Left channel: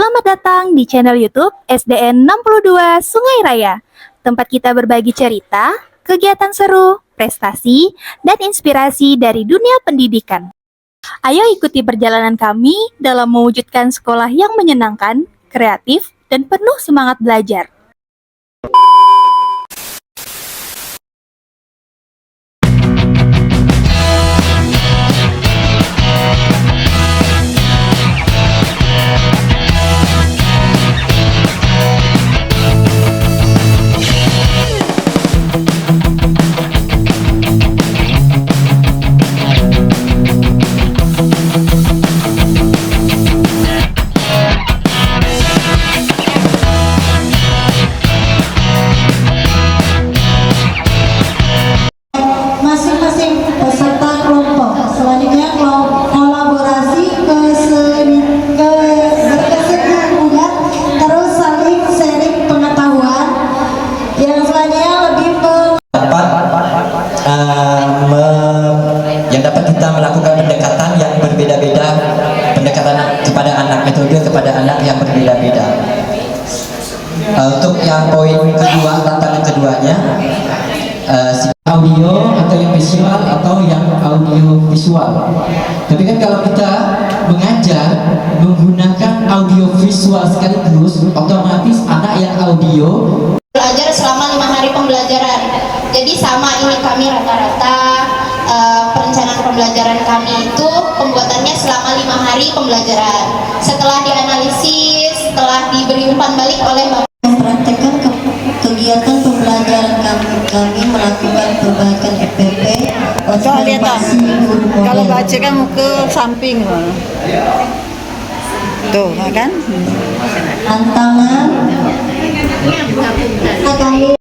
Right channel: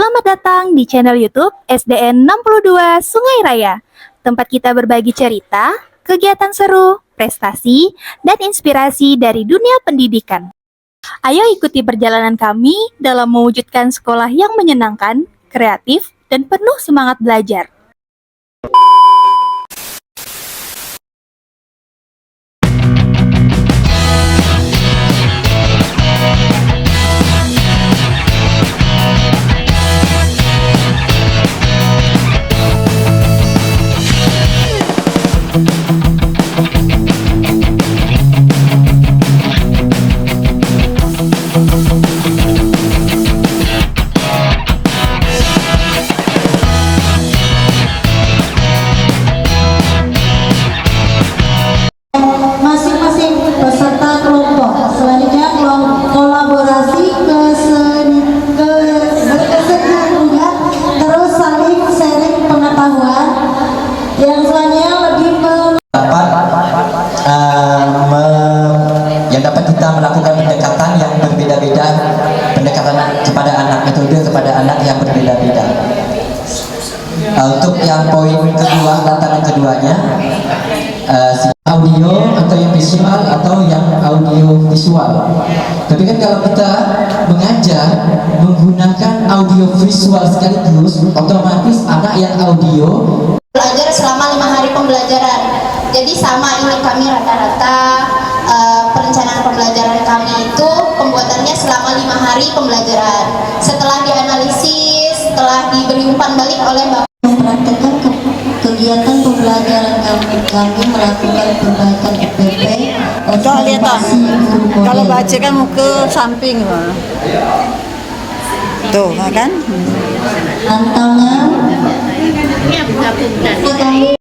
Selamat datang di channel YouTube SDN 62 Sungai Raya, tempat kita berbagi cerita, kegiatan seru, prestasi, dan inspirasi dari dunia pendidikan. Ayo ikuti perjalanan kami dalam mewujudkan sekolah yang menyenangkan, kreatif, dan penuh semangat belajar. Masing-masing peserta kelompok selanjutnya kolaborasi berkesenian terus saling sharing pengetahuan yang selanjutnya lebih yang dapat kita melakukan pendekatan yang berbeda-beda, pendekatan kepada anak, metode kepada anak yang berbeda-beda. Untuk yang poin kedua, tantangan keduanya, audio atau yang visual atau yang audio visual. Tapi kan kalau kita mengajar menggunakan audio visual sekaligus, otomatis anak yang audio belajar selama 5 hari pembelajaran. Jadi sama ini kami rata-rata perencanaan pembelajaran kami itu pembuatannya selama 5 hari pembelajaran. Setelah dianalisis, setelah diberi umpan balik oleh Bapak mempraktekkan kegiatan pembelajaran kami melakukan perbaikan EPP. Coba lihat toh. Kalau baca kan muka samping loh. Tuh, kan? Tantangan kami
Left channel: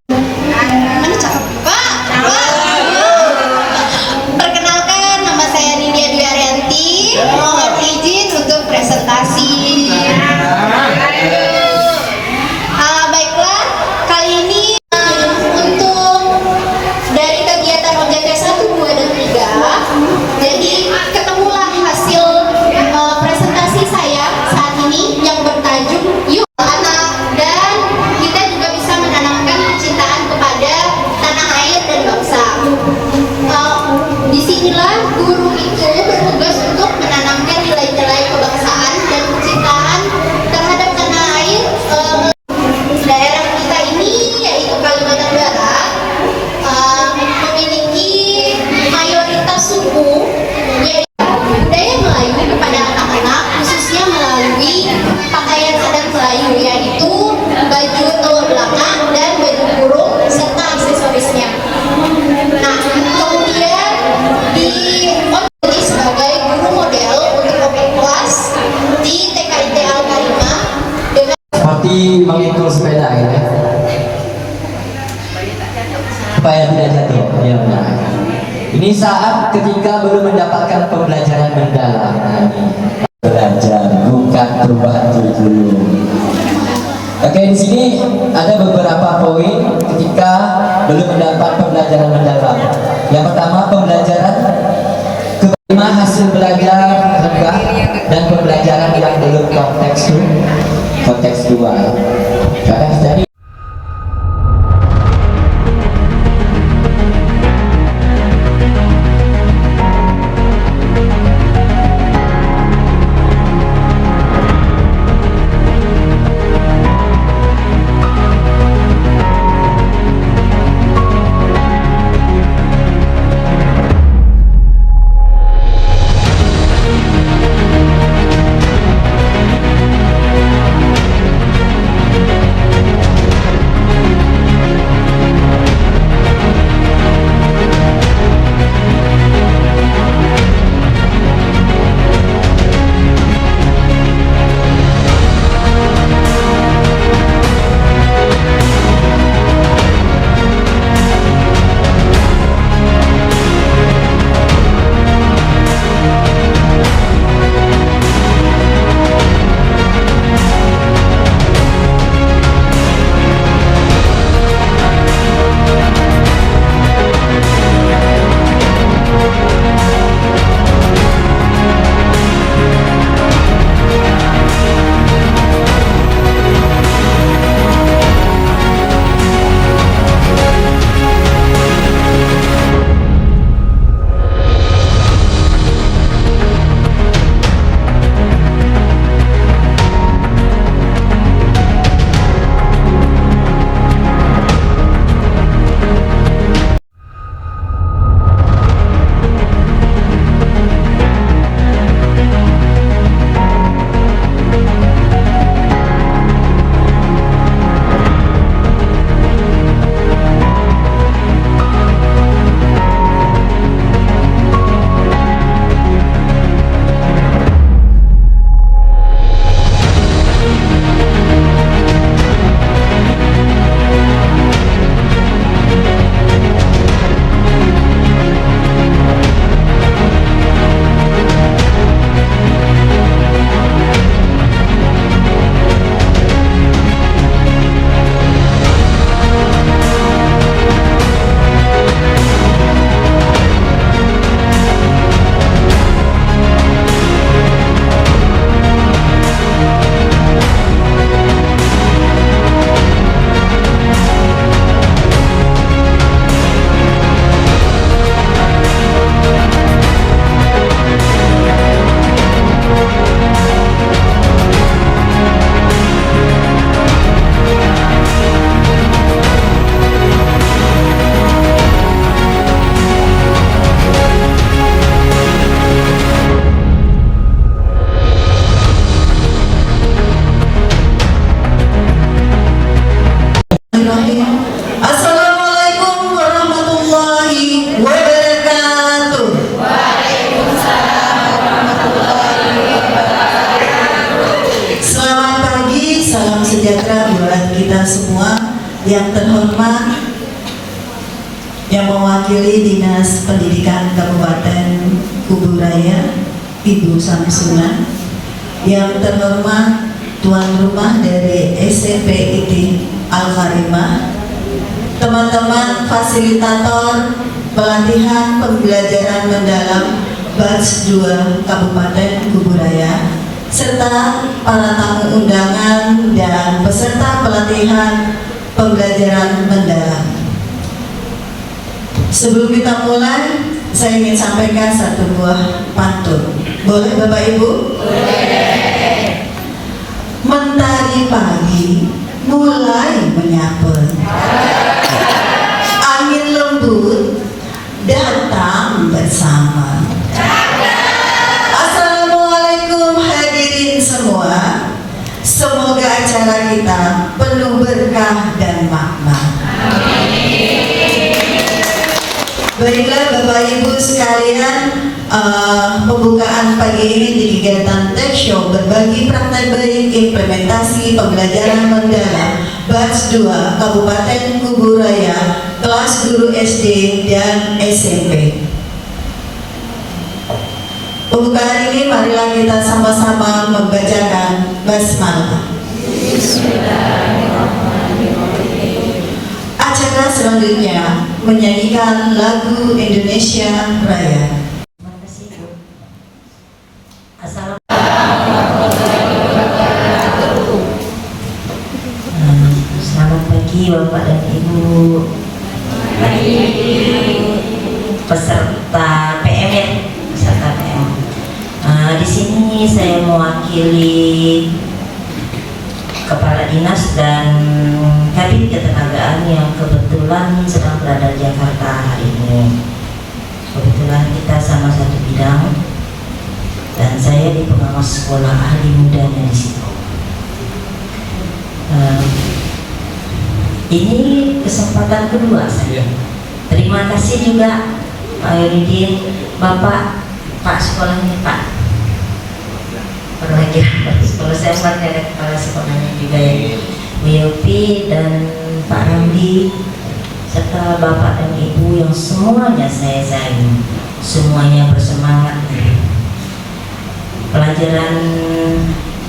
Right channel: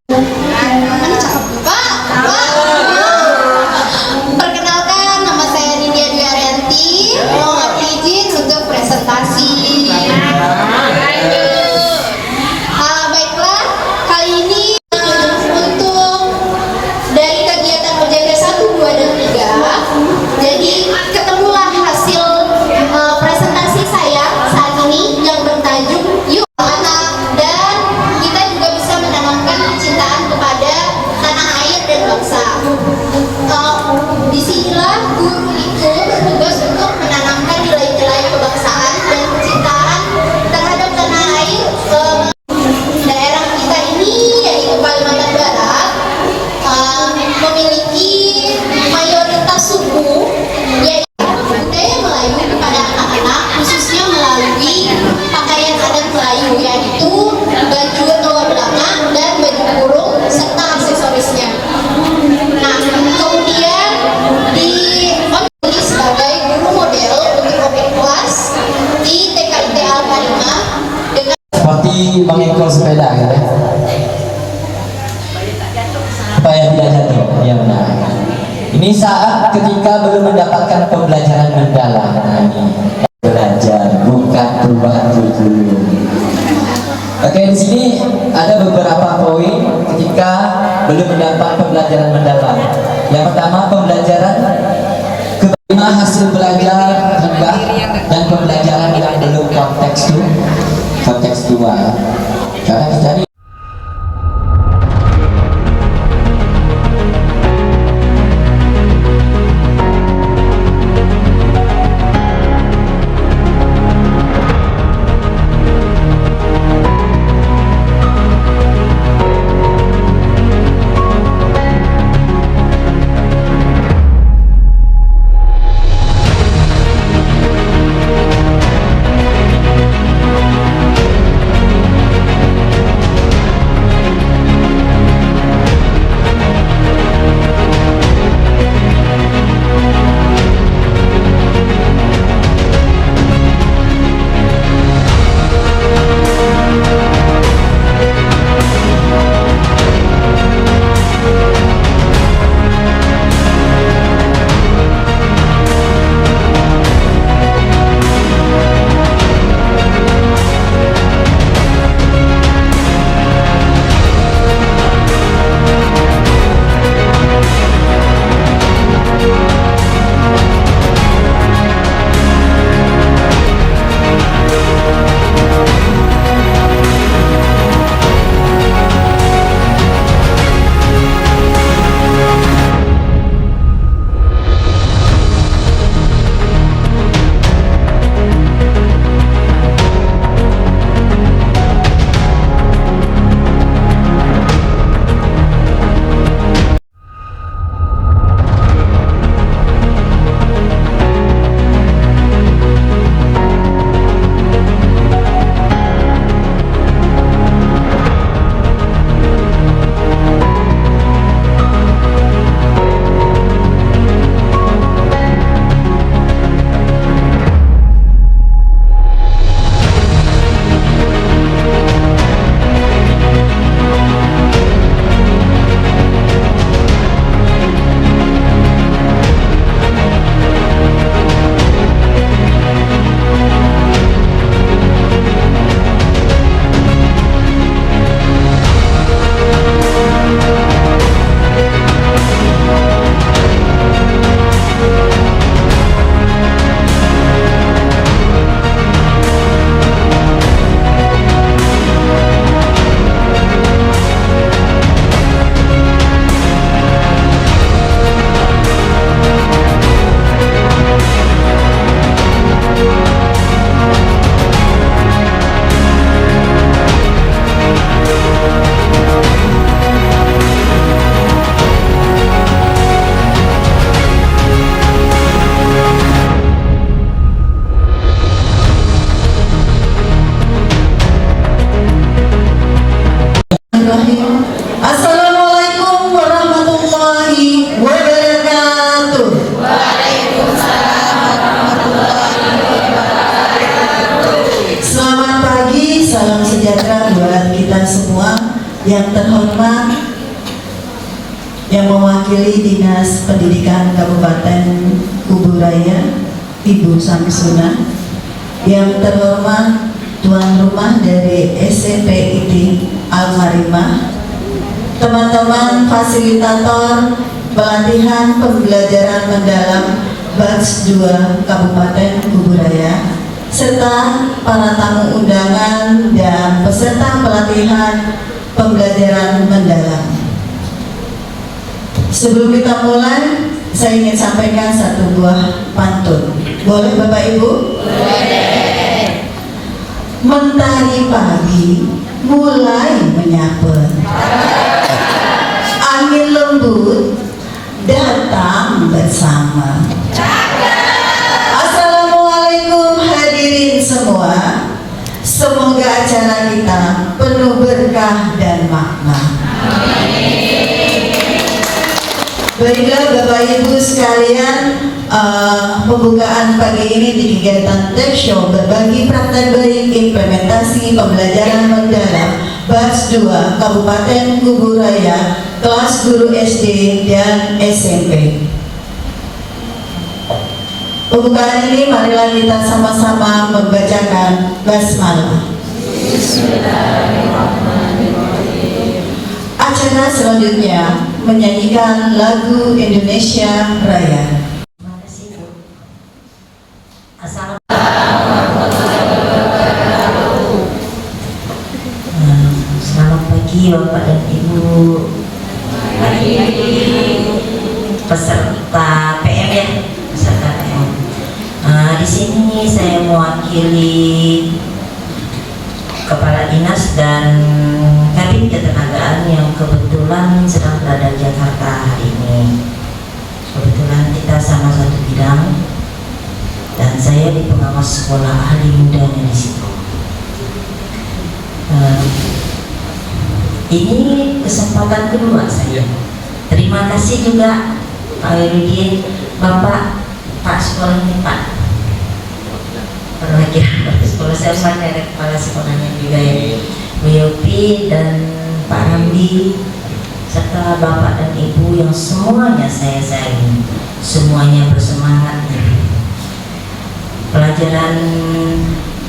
Perkenalkan, nama saya Nidia Dwi Arianti. Mohon izin untuk presentasi. Baiklah, kali ini untuk dari kegiatan OJK 1, 2, dan 3. Jadi ketemulah hasil presentasi saya saat ini yang bertajuk Yuk Anak, dan kita juga bisa menanamkan kecintaan kepada tanah air dan bangsa. Disinilah guru itu bertugas untuk menanamkan nilai-nilai kebangsaan dan kecintaan terhadap tanah air. Daerah kita ini, yaitu Kalimantan Barat, memiliki mayoritas suku, yaitu budaya Melayu kepada anak-anak, khususnya melalui pakaian adat Melayu, yaitu baju telur belakang dan baju kurung serta aksesorisnya. Nah, kemudian di sebagai guru model untuk OPEK kelas di TKIT Al-Karimah dengan seperti mengikul sepeda gitu ya, supaya tidak jatuh. Ya, benar. Ini saat ketika belum mendapatkan pembelajaran mendalam. Nah, ini belajar bukan perubahan kurikulum. Oke, di sini ada beberapa poin ketika belum mendapat pembelajaran mendalam. Yang pertama, pembelajaran kelima, hasil belajar rendah dan pembelajaran yang belum kontekstual. Karena kita ini Bismillahirrahmanirrahim. Assalamualaikum warahmatullahi wabarakatuh. Selamat pagi, salam sejahtera buat kita semua. Yang terhormat, yang mewakili Dinas Pendidikan Kabupaten Kuburaya, Ibu Samsuna. Yang terhormat tuan rumah dari SMPID Al-Karimah, teman-teman fasilitator pelatihan pembelajaran mendalam batch 2 Kabupaten Kuburaya, serta para tamu undangan dan peserta pelatihan pembelajaran mendalam. Sebelum kita mulai, saya ingin sampaikan satu buah pantun. Boleh Bapak Ibu? Mentari pagi mulai menyapa, angin lembut datang bersama. Assalamualaikum hadirin semua. Semoga acara kita penuh berkah dan makna. Baiklah Bapak Ibu sekalian, pembukaan pagi ini di kegiatan Tech Show berbagi praktek baik implementasi pembelajaran mendalam batch 2 Kabupaten Kuburaya, kelas guru SD dan SMP. Pembukaan ini marilah kita sama-sama membacakan basmalah. Acara selanjutnya menyanyikan lagu Indonesia Raya. Terima kasih Bu. Selamat pagi Bapak dan Ibu. Peserta PM ya, peserta PM. Di sini saya mewakili Kepala Dinas dan Kadin Ketenagaan yang kebetulan sedang berada di Jakarta hari ini. Kebetulan kita sama satu bidang dan saya di pengawas sekolah ahli mudanya di situ. Ini kesempatan kedua saya. Terima kasih juga Pak Yudin, Bapak, Pak sekolahnya Pak. Perwakilan Pak sekolah saya ada kepala sekolahnya juga ya, Bu Yopi dan Pak Ramdi, serta Bapak dan Ibu yang semuanya saya sayangi, semuanya bersemangat. Pelajaran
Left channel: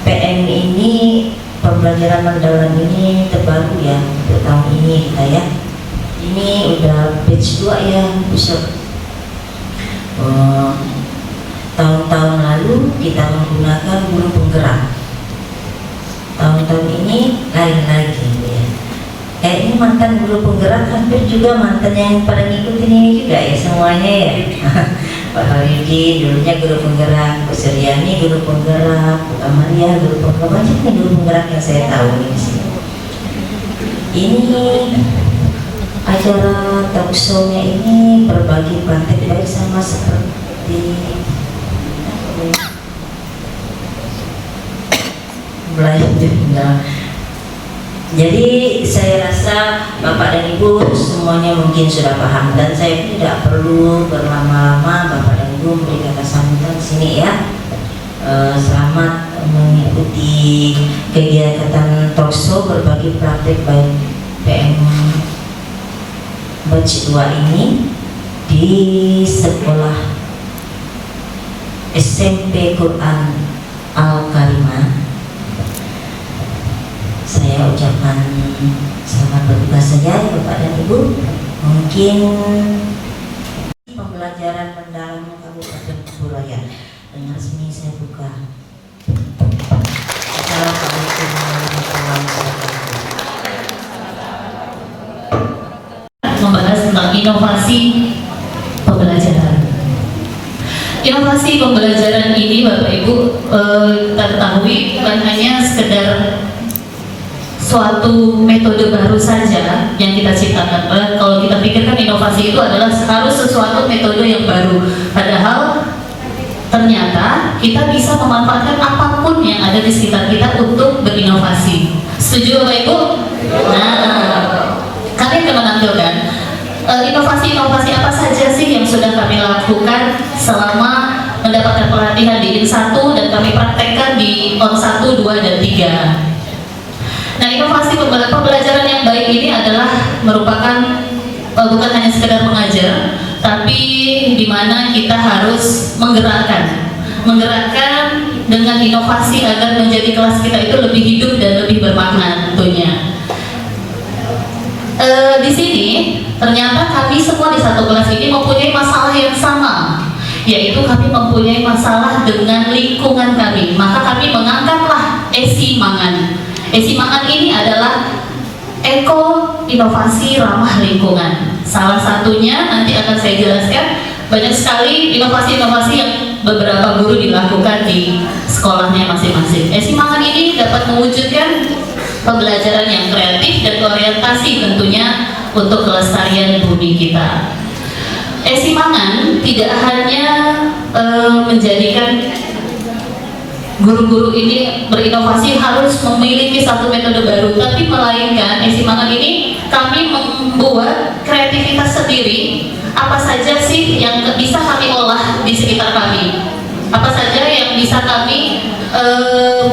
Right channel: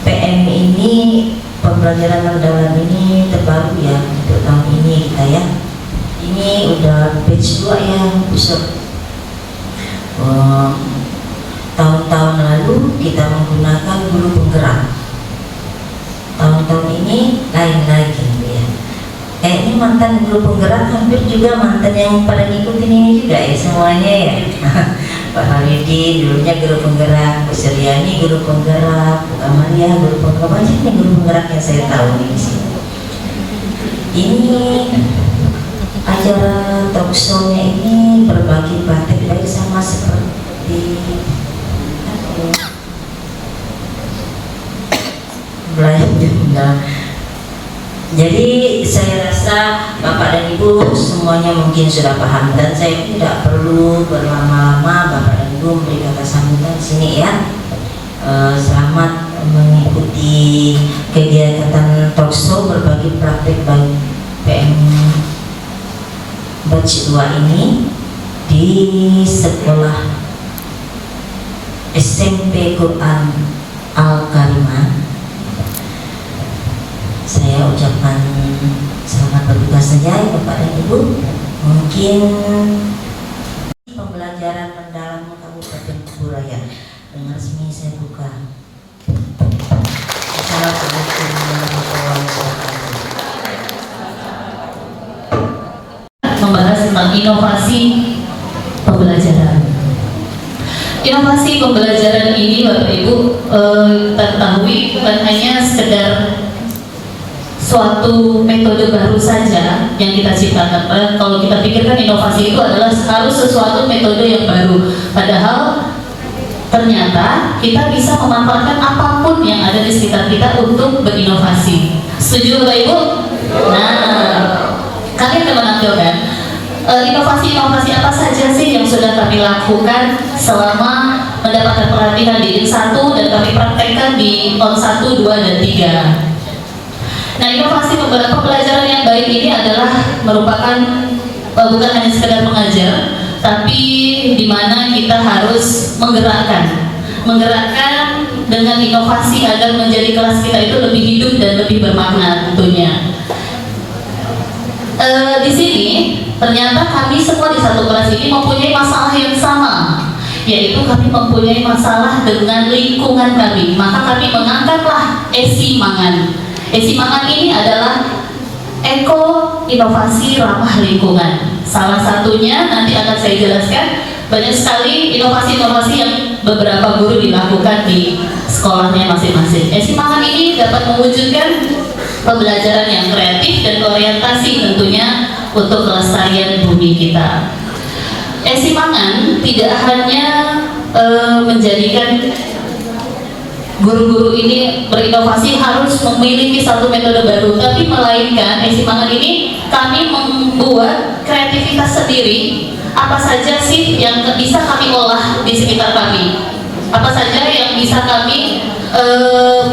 PM ini, pembelajaran mendalam ini terbaru ya untuk tahun ini kita ya. Ini udah batch 2 ya, besok. Tahun-tahun lalu kita menggunakan guru penggerak. Tahun-tahun ini lain lagi ya. Kayaknya mantan guru penggerak hampir juga mantan yang pada ngikutin ini juga ya semuanya ya. Pak Halidin dulunya guru penggerak, Bu Suryani guru penggerak, Bu Amalia guru penggerak, banyak nih guru penggerak yang saya tahu nih di sini. Ini acara talk show-nya ini berbagi praktek baik sama seperti belajar. Jadi saya rasa Bapak dan Ibu semuanya mungkin sudah paham dan saya tidak perlu berlama-lama. Bapak dan Ibu memberi kata sambutan di sini ya. Selamat mengikuti kegiatan talk show berbagi praktek baik PM batch 2 ini di sekolah SMP Quran Al-Karimah. Saya ucapkan selamat bertugas saja ya Bapak dan Ibu. Mungkin pembelajaran mendalam Kabupaten Kuburaya dengan resmi saya buka. Assalamualaikum warahmatullahi wabarakatuh. Membahas tentang inovasi pembelajaran. Inovasi pembelajaran ini Bapak Ibu kita ketahui bukan hanya sekedar suatu metode baru saja yang kita ciptakan. Kalau kita pikirkan inovasi itu adalah harus sesuatu metode yang baru. Padahal ternyata kita bisa memanfaatkan apapun yang ada di sekitar kita untuk berinovasi. Setuju Bapak Ibu? Nah, inovasi-inovasi apa saja sih yang sudah kami lakukan selama mendapatkan pelatihan di IN1 dan kami praktekkan di ON1, 2, dan 3. Nah, inovasi pembelajaran yang baik ini adalah merupakan bukan hanya sekedar mengajar, tapi di mana kita harus menggerakkan dengan inovasi agar menjadi kelas kita itu lebih hidup dan lebih bermakna tentunya. Di sini ternyata kami semua di satu kelas ini mempunyai masalah yang sama, yaitu kami mempunyai masalah dengan lingkungan kami. Maka kami mengangkatlah Esimangan. Esimangan ini adalah eko inovasi ramah lingkungan. Salah satunya nanti akan saya jelaskan. Banyak sekali inovasi-inovasi yang beberapa guru dilakukan di sekolahnya masing-masing. Esimangan ini dapat mewujudkan pembelajaran yang kreatif dan orientasi tentunya untuk kelestarian bumi kita. Esimangan tidak hanya menjadikan guru-guru ini berinovasi harus memiliki satu metode baru, tapi melainkan Esimangan ini kami membuat kreativitas sendiri. Apa saja sih yang bisa kami olah di sekitar kami? Apa saja yang bisa kami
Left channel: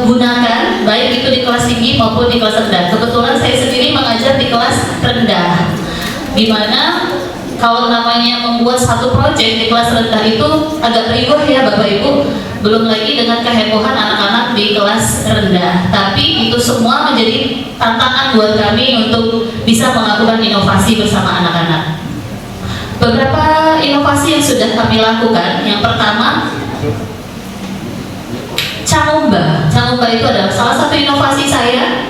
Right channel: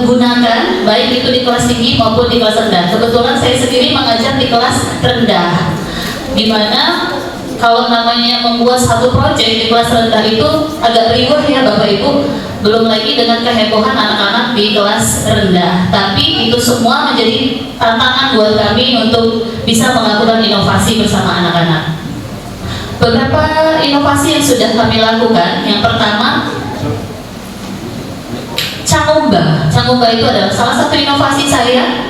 gunakan, baik itu di kelas tinggi maupun di kelas rendah. Kebetulan saya sendiri mengajar di kelas rendah, dimana kalau namanya membuat satu proyek di kelas rendah itu agak ribet ya Bapak Ibu, belum lagi dengan kehebohan anak-anak di kelas rendah. Tapi itu semua menjadi tantangan buat kami untuk bisa melakukan inovasi bersama anak-anak. Beberapa inovasi yang sudah kami lakukan, yang pertama Cangumba. Cangumba itu adalah salah satu inovasi saya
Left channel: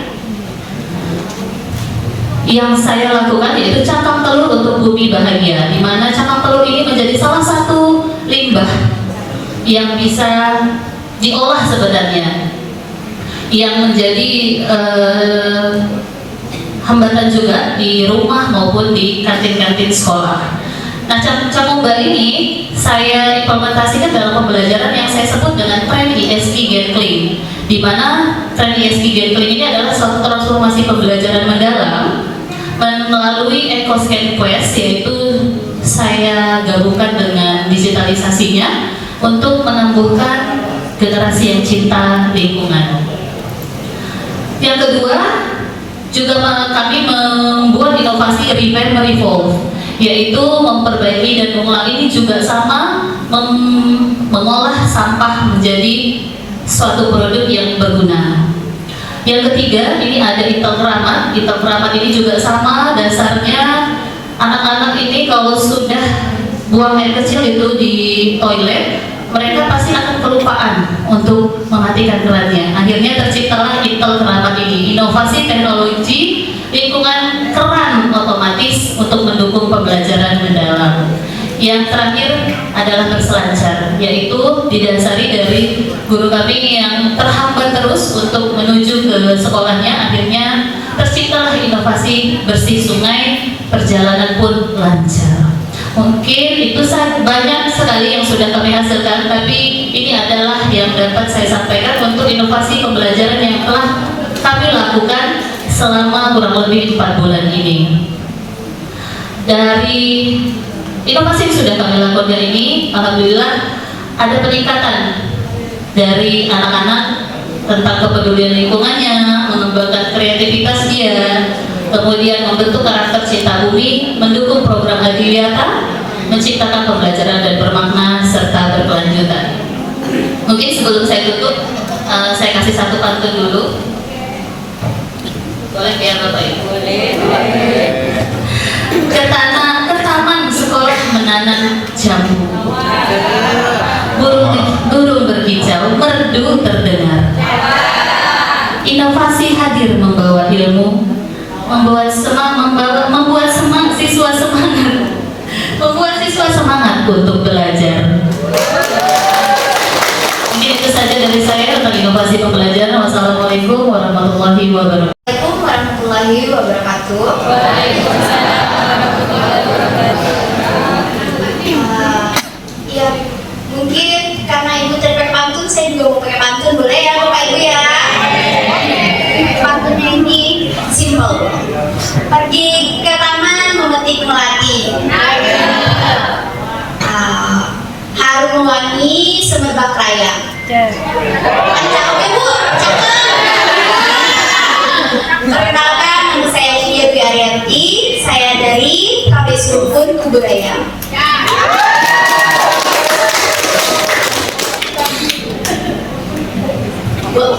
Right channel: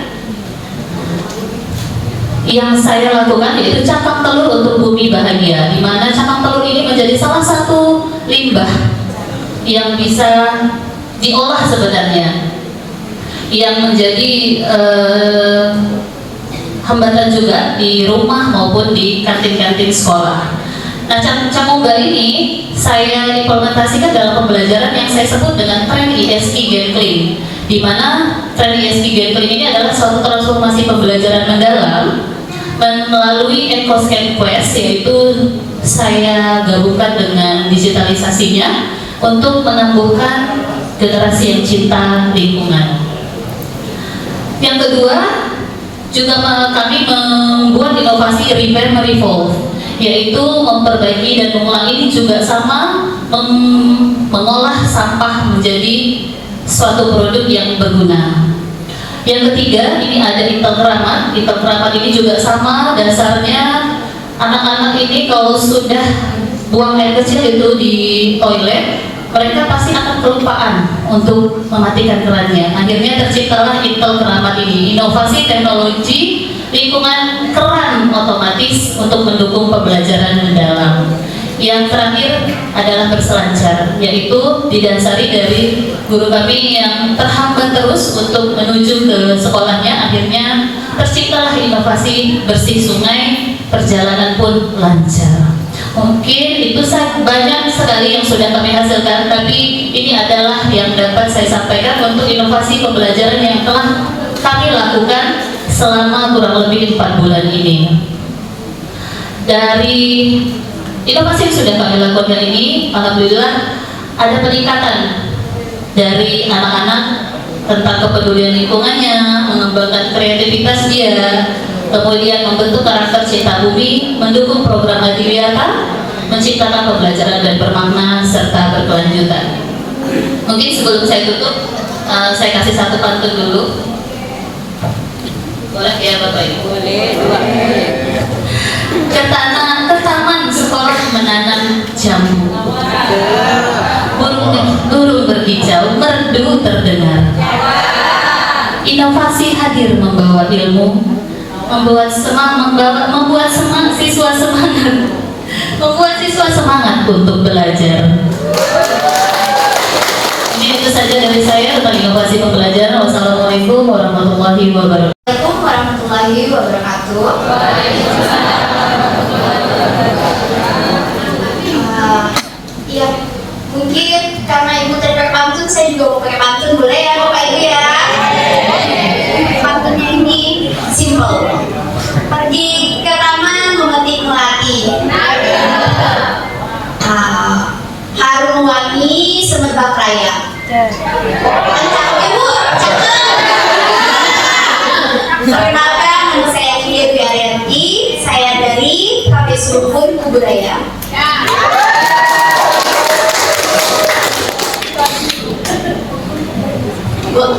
yang saya lakukan, yaitu cangkang telur untuk bumi bahagia, di mana cangkang telur ini menjadi salah satu limbah yang bisa diolah sebenarnya, yang menjadi hambatan juga di rumah maupun di kantin-kantin sekolah. Nah, Cangumba ini saya implementasikan dalam pembelajaran yang saya sebut dengan tren ISI Gen Clean, di mana tren ISI Gen Clean ini adalah suatu transformasi pembelajaran mendalam melalui EcoScan Quest, yaitu saya gabungkan dengan digitalisasinya untuk menumbuhkan generasi yang cinta lingkungan. Yang kedua, juga kami membuat inovasi Repair Revolve, yaitu memperbaiki dan mengolah. Ini juga sama, mengolah sampah menjadi suatu produk yang berguna. Yang ketiga, ini ada Intel Keramat. Intel Keramat ini juga sama, dasarnya anak-anak ini kalau sudah buang air kecil itu di toilet, mereka pasti akan kelupaan untuk mematikan kerannya. Akhirnya terciptalah Intel Keramat ini, inovasi teknologi lingkungan keran otomatis untuk mendukung pembelajaran mendalam. Yang terakhir adalah berselancar, yaitu didasari dari guru kami yang terhambat terus untuk menuju ke sekolahnya. Akhirnya terciptalah inovasi bersih sungai, perjalanan pun lancar. Mungkin itu banyak sekali yang sudah kami hasilkan, tapi ini adalah yang dapat saya sampaikan untuk inovasi pembelajaran yang telah kami lakukan selama kurang lebih 4 bulan ini. Dari inovasi yang sudah kami lakukan ini, alhamdulillah ada peningkatan dari anak-anak tentang kepedulian lingkungannya, mengembangkan kreativitas dia, kemudian membentuk karakter cinta bumi, mendukung program Adiwiyata, menciptakan pembelajaran dan bermakna serta berkelanjutan. Mungkin sebelum saya tutup, saya kasih satu pantun dulu. Boleh ya Bapak Ibu? Boleh. Ke taman sekolah menanam jambu. Burung berkicau, merdu terdengar. Inovasi hadir membawa ilmu, membuat siswa semangat untuk belajar. Mungkin itu saja dari saya tentang inovasi pembelajaran. Wassalamualaikum warahmatullahi wabarakatuh. Assalamualaikum warahmatullahi wabarakatuh. Ya, mungkin karena Ibu tadi pakai pantun, saya juga mau pakai pantun, boleh ya Bapak Ibu ya? Pantunnya ini simple. Pergi ke taman memetik melati. Raya. Mantap, Ibu. Perkenalkan, nama saya Lydia Dwi Arianti. Saya dari KPS Rukun Kubudaya.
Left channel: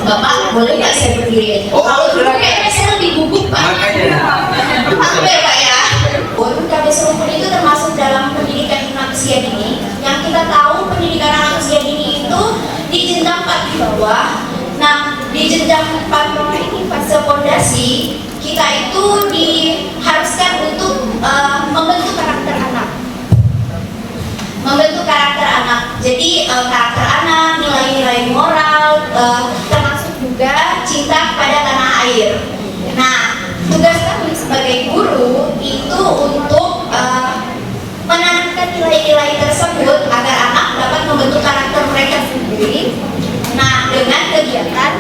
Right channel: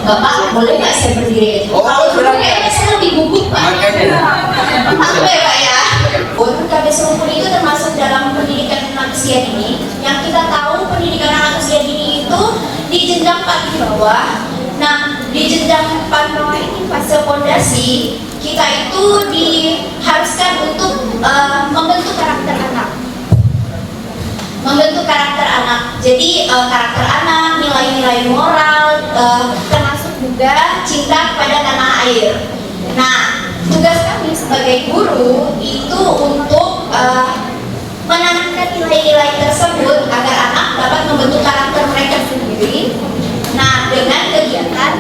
Bapak, boleh nggak saya berdiri? Kalau dulu kayaknya saya lebih gugup, Pak. Apa ya, Pak ya? Untuk KPS Rukun itu termasuk dalam pendidikan anak usia dini. Yang kita tahu pendidikan anak usia dini itu di jenjang paling bawah. Nah, di jenjang paling bawah ini fase fondasi, kita itu diharuskan untuk membentuk karakter anak. Membentuk karakter anak. Jadi karakter anak, nilai-nilai moral, termasuk juga cinta kepada tanah air. Nah, tugas kami sebagai guru itu untuk menanamkan nilai-nilai tersebut agar anak dapat membentuk karakter mereka sendiri. Nah, dengan kegiatan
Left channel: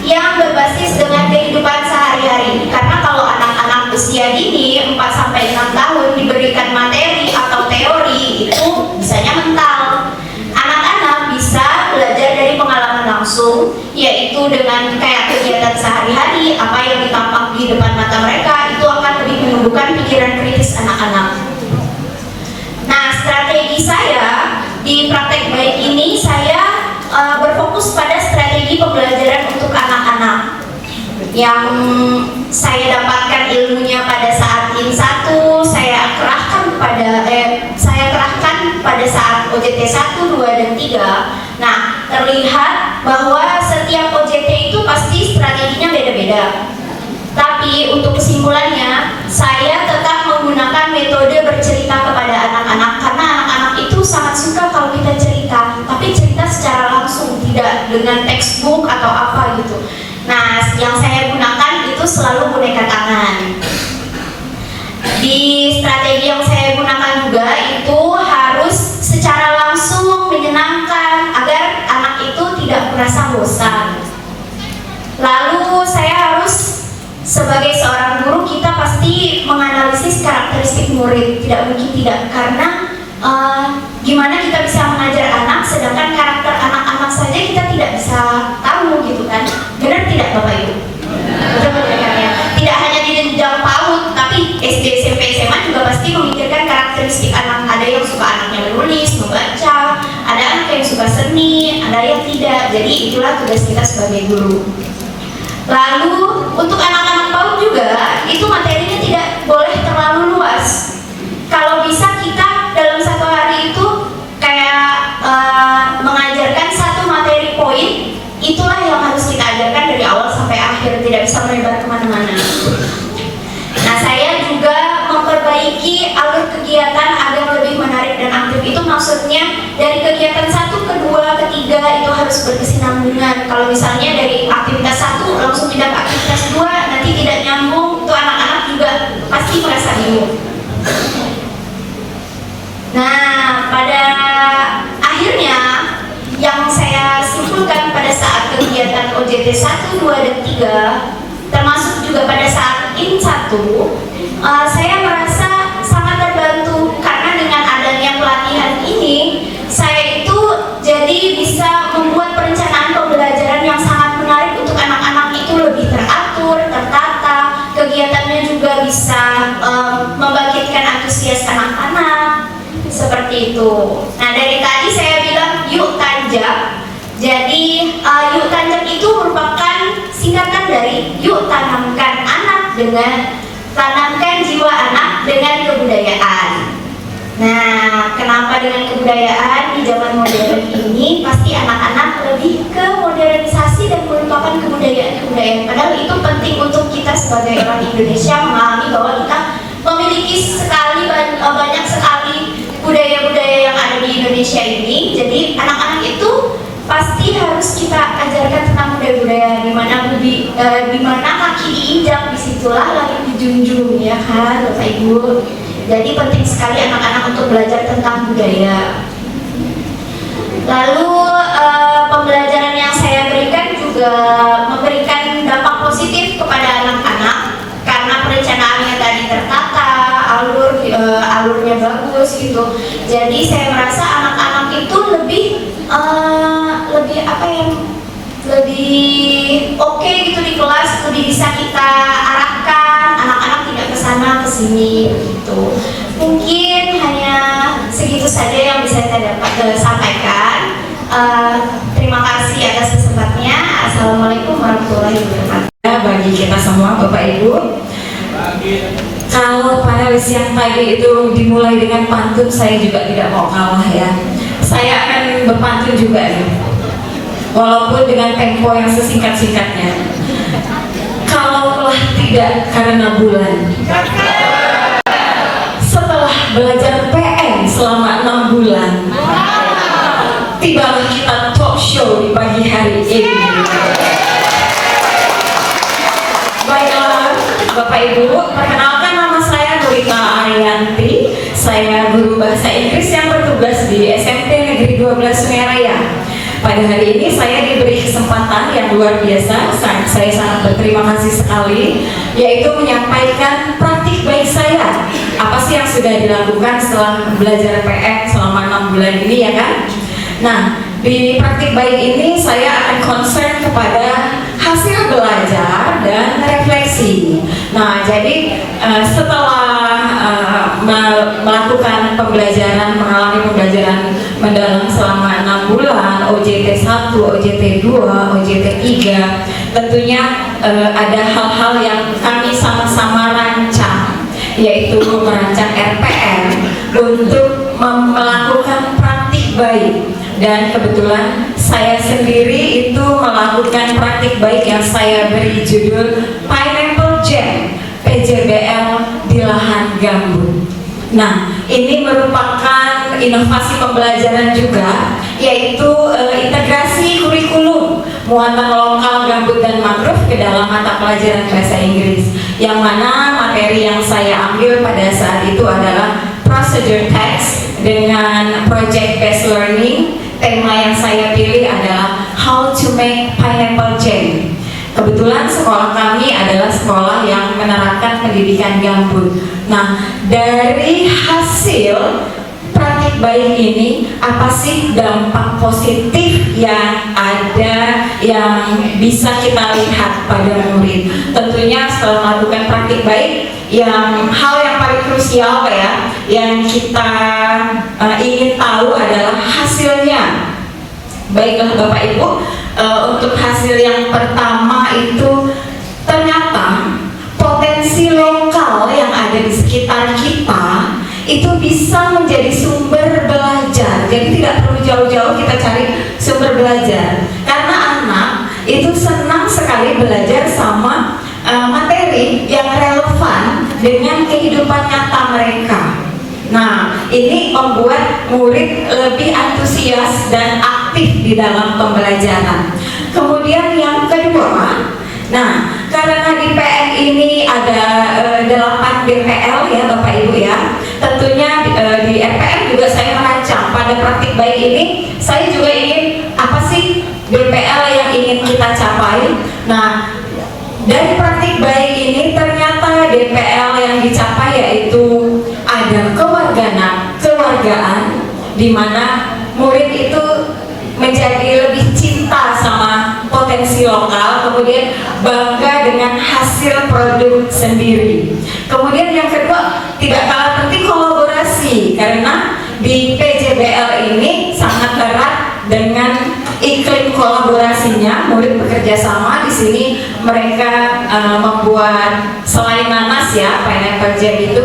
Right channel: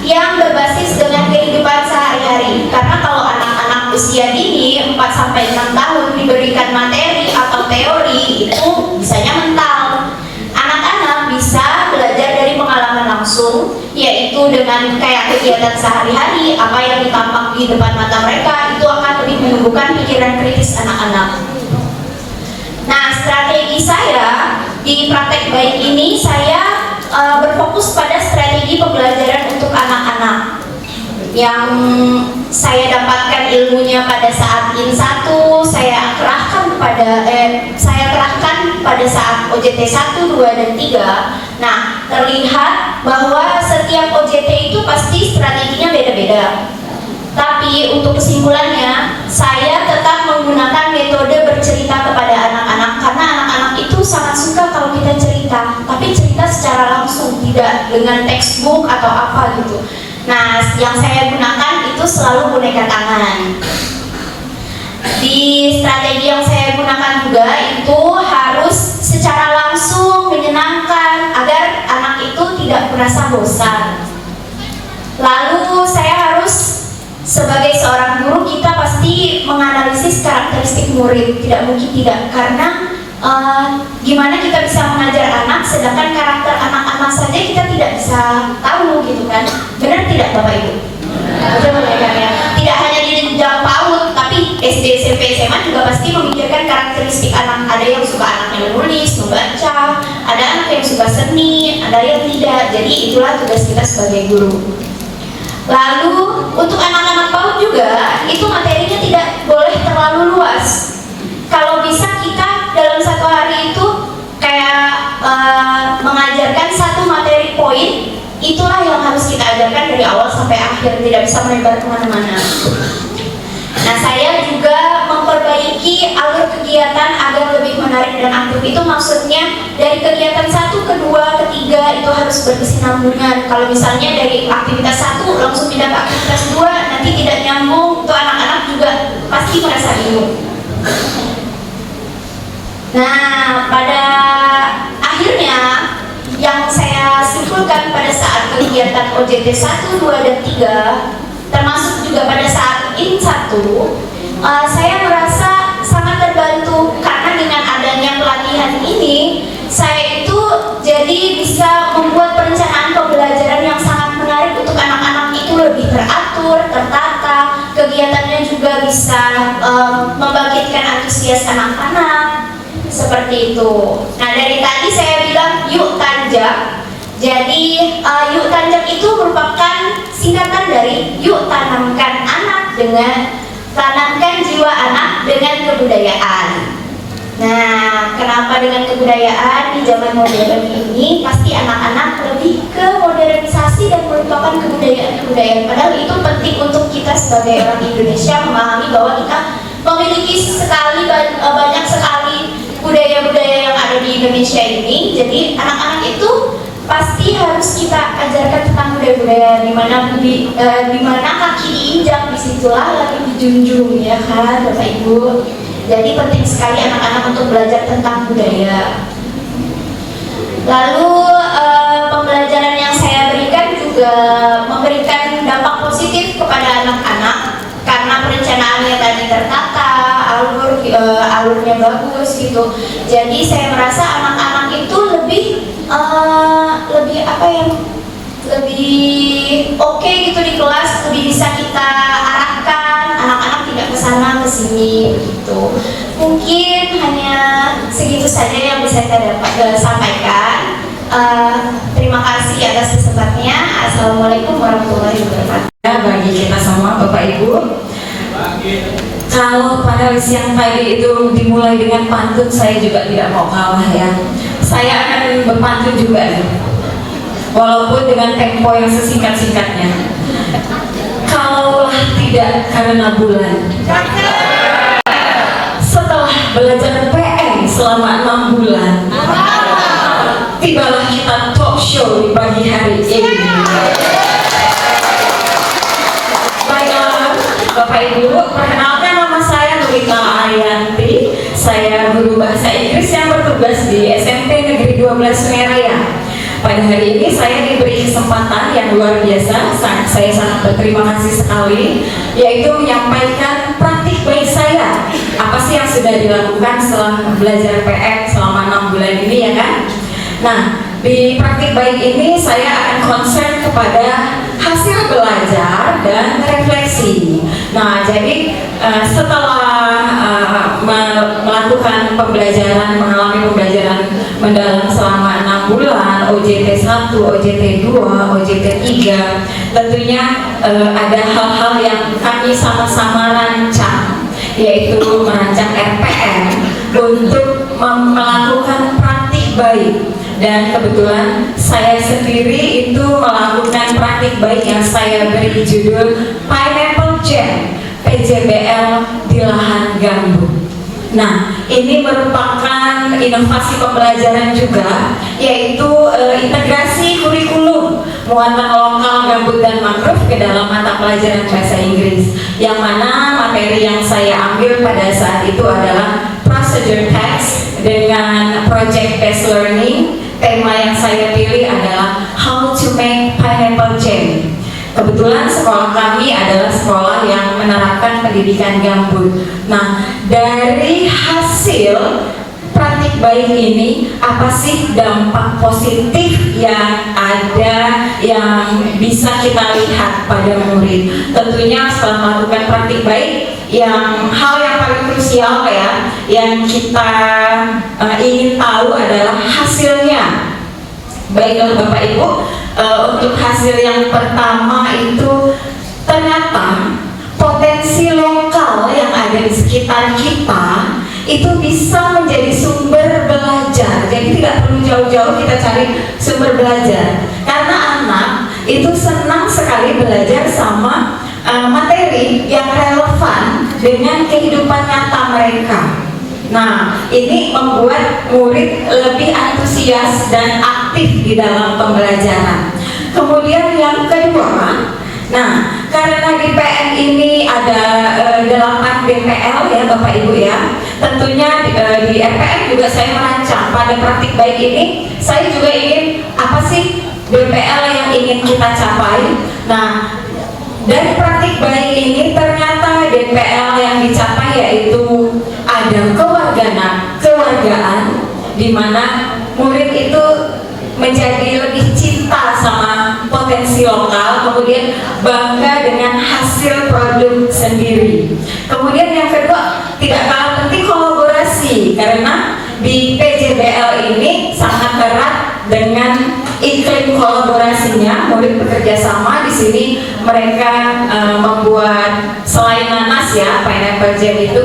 yang berbasis dengan kehidupan sehari-hari. Karena kalau anak-anak usia dini 4-6 tahun diberikan materi atau teori itu bisanya mental. Anak-anak bisa belajar dari pengalaman langsung, yaitu dengan kayak kegiatan sehari-hari, apa yang ditampak di depan mata mereka itu akan lebih menumbuhkan pikiran kritis anak-anak. Nah, strategi saya di praktek baik ini saya berfokus pada strategi pembelajaran untuk anak-anak yang saya dapatkan ilmunya pada saat IN1, saya kerahkan pada saat OJT 1, 2, dan 3. Nah, terlihat bahwa setiap OJT itu pasti strateginya beda-beda. Tapi untuk kesimpulannya, saya tetap menggunakan metode bercerita kepada anak-anak karena anak-anak itu sangat suka kalau kita cerita, tapi cerita secara langsung, tidak dengan textbook atau apa gitu. Nah, yang saya gunakan itu selalu boneka tangan. Di strategi yang saya gunakan juga itu harus secara langsung menyenangkan agar anak itu tidak merasa bosan. Lalu saya harus sebagai seorang guru, kita pasti menganalisis karakteristik murid, tidak mungkin tidak, karena gimana kita bisa mengajar anak sedangkan karakter anak-anak saja kita tidak bisa tahu gitu kan. Benar tidak Bapak Ibu? Betul ya. Tidak hanya di jenjang PAUD, tapi SD, SMP, SMA juga pasti memikirkan karakteristik anak. Ada yang suka anaknya menulis, membaca, ada anak yang suka seni, ada yang tidak. Jadi itulah tugas kita sebagai guru. Lalu untuk anak-anak PAUD juga itu materinya tidak boleh terlalu luas. Kalau bisa kita dalam satu hari itu kayak mengajarkan satu materi poin, itulah yang harus kita ajarkan dari awal sampai akhir, tidak bisa melebar kemana-mana. Nah, saya juga memperbaiki alur kegiatan agar lebih menarik dan aktif. Itu maksudnya dari kegiatan 1 ke 2 ke 3 itu harus berkesinambungan. Kalau misalnya dari aktivitas 1 langsung pindah ke aktivitas 2, nanti tidak nyambung, itu anak-anak juga pasti merasa bingung. Nah, pada akhirnya yang saya simpulkan pada saat kegiatan OJT 1, 2, dan 3, termasuk juga pada saat IN1, saya merasa sangat terbantu karena dengan adanya pelatihan ini, saya itu jadi bisa membuat perencanaan pembelajaran yang sangat menarik untuk anak-anak itu lebih teratur, tertata, kegiatannya juga bisa membangkitkan antusias anak-anak, seperti itu. Nah, dari tadi saya bilang yuk tanjak. Jadi yuk tanjak itu merupakan singkatan dari yuk tanamkan jiwa anak dengan kebudayaan. Nah, kenapa dengan kebudayaan di zaman modern ini pasti anak-anak lebih ke modernisasi dan merupakan kebudayaan. Padahal itu penting untuk kita sebagai orang Indonesia memahami bahwa kita memiliki banyak sekali budaya-budaya yang ada di Indonesia ini. Jadi anak-anak itu pasti harus kita ajarkan tentang budaya-budaya, di mana kaki diinjak, disitulah lagi dijunjung, ya kan Bapak Ibu. Jadi penting sekali anak-anak untuk belajar tentang budaya. Lalu pembelajaran yang saya berikan juga memberikan dampak positif kepada anak-anak karena perencanaannya tadi tertata, alurnya bagus gitu. Jadi saya merasa anak-anak itu lebih apa ya, lebih oke gitu di kelas, lebih bisa kita arahkan, anak-anak tidak kesana kesini begitu. Mungkin hanya segitu saja yang bisa saya dapat sampaikan. Terima kasih atas kesempatannya. Assalamualaikum warahmatullahi wabarakatuh. Bagi kita semua Bapak Ibu, kalau panelis yang tadi itu dimulai dengan pantun, saya juga tidak mau kalah ya. Saya akan berpantun juga ya, walaupun dengan tempo yang sesingkat-singkatnya. Kalaulah tidak karena bulan, setelah belajar PM selama 6 bulan, tibalah kita talk show di pagi hari ini. Baiklah Bapak Ibu, perkenalkan nama saya Nurika Arianti. Saya guru bahasa Inggris yang bertugas di SMP Negeri 12 Sungai Raya. Pada hari ini saya diberi kesempatan yang luar biasa, saya sangat berterima kasih sekali, yaitu menyampaikan praktik baik saya. Apa sih yang sudah dilakukan setelah belajar PM selama 6 bulan ini ya kan? Nah, di praktik baik ini saya akan concern kepada hasil belajar dan refleksi. Nah, jadi setelah melakukan pembelajaran, mengalami pembelajaran mendalam selama 6 bulan, OJT 1, OJT 2, OJT 3, tentunya ada hal-hal yang kami sama-sama rancang, yaitu merancang RPM untuk melakukan praktik baik. Dan kebetulan saya sendiri itu melakukan praktik baik yang saya beri judul Pineapple Jam PJBL di lahan gambut. Nah, ini merupakan inovasi pembelajaran juga, yaitu integrasi kurikulum muatan lokal gambut dan mangrove ke dalam mata pelajaran bahasa Inggris, yang mana materi yang saya ambil pada saat itu adalah procedure text dengan project based learning. Tema yang saya pilih adalah How to make pineapple jam. Kebetulan sekolah kami adalah sekolah yang menerapkan pendidikan gambut. Nah, dari hasil praktik baik ini, apa sih dampak positif yang ada, yang bisa kita lihat pada murid? Tentunya setelah melakukan praktik baik, hal yang paling krusial ya, yang kita ingin tahu adalah hasilnya. Baiklah Bapak Ibu, untuk hasil yang pertama itu ternyata potensi lokal yang ada di sekitar kita itu bisa menjadi sumber belajar. Jadi tidak perlu jauh-jauh kita cari sumber belajar, karena anak itu senang sekali belajar sama materi yang relevan dengan kehidupan nyata mereka. Nah, ini membuat murid lebih antusias dan aktif di dalam pembelajaran. Kemudian yang kedua, nah, karena di PN ini ada 8 BPL ya Bapak Ibu ya, tentunya di RPM juga saya merancang pada praktik baik ini, saya juga ingin apa sih BPL yang ingin kita capai. Nah, dari praktik baik ini ternyata DPL yang dicapai yaitu ada kewargaan, di mana murid itu menjadi lebih cinta sama potensi lokal, kemudian bangga dengan hasil produk sendiri. Kemudian yang kedua, tidak kalah penting kolaborasi, karena di PJBL ini sangat erat dengan iklim kolaborasinya. Murid bekerja sama di sini, mereka membuat selain nanas ya, pineapple jam itu,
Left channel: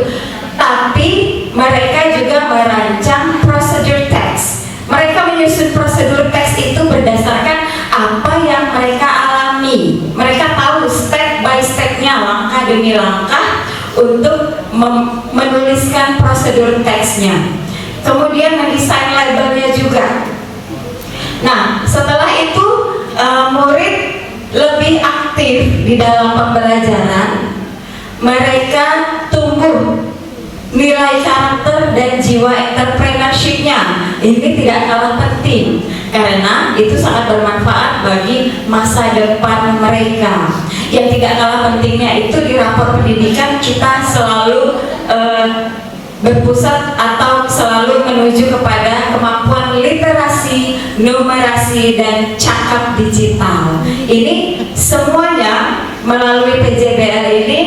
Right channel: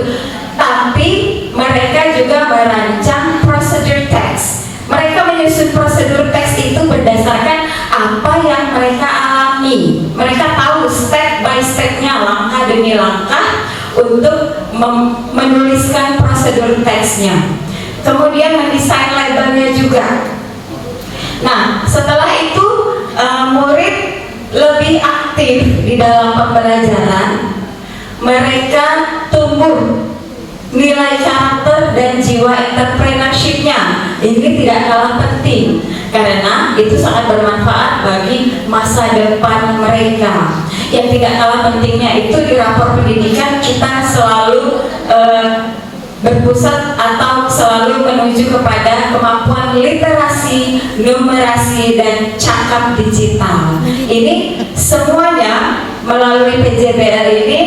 tapi mereka juga merancang prosedur text. Mereka menyusun prosedur teks itu berdasarkan apa yang mereka alami. Mereka tahu step by stepnya, langkah demi langkah untuk menuliskan prosedur teksnya. Kemudian mendesain labelnya juga. Nah, setelah itu murid lebih aktif di dalam pembelajaran. Mereka tumbuh nilai karakter dan jiwa entrepreneurship-nya. Ini tidak kalah penting, karena itu sangat bermanfaat bagi masa depan mereka. Yang tidak kalah pentingnya itu di rapor pendidikan kita selalu berpusat atau selalu menuju kepada kemampuan literasi, numerasi, dan cakap digital. Ini semuanya melalui PJBL ini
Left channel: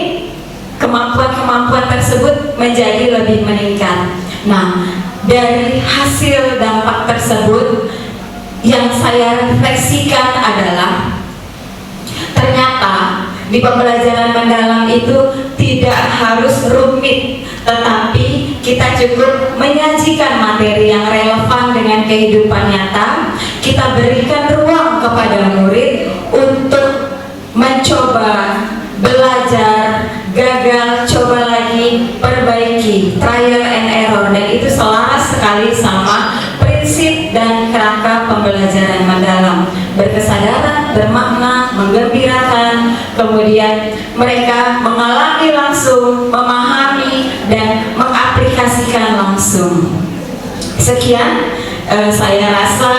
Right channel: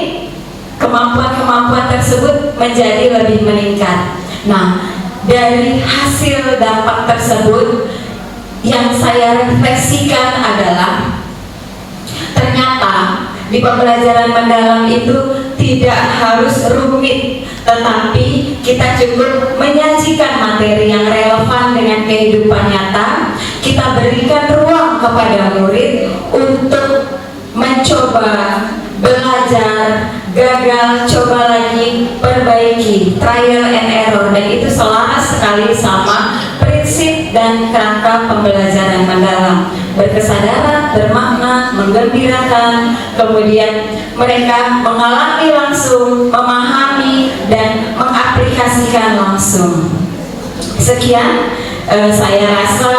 kemampuan-kemampuan tersebut menjadi lebih meningkat. Nah, dari hasil dampak tersebut yang saya refleksikan adalah ternyata di pembelajaran mendalam itu tidak harus rumit, tetapi kita cukup menyajikan materi yang relevan dengan kehidupan nyata. Kita berikan ruang kepada murid untuk mencoba, belajar, gagal, coba lagi, perbaiki, trial and error, dan itu selaras sekali sama prinsip dan kerangka pembelajaran mendalam. Berkesadaran, bermakna, menggembirakan, kemudian mereka mengalami langsung, memahami, dan mengaplikasikan langsung. Sekian saya rasa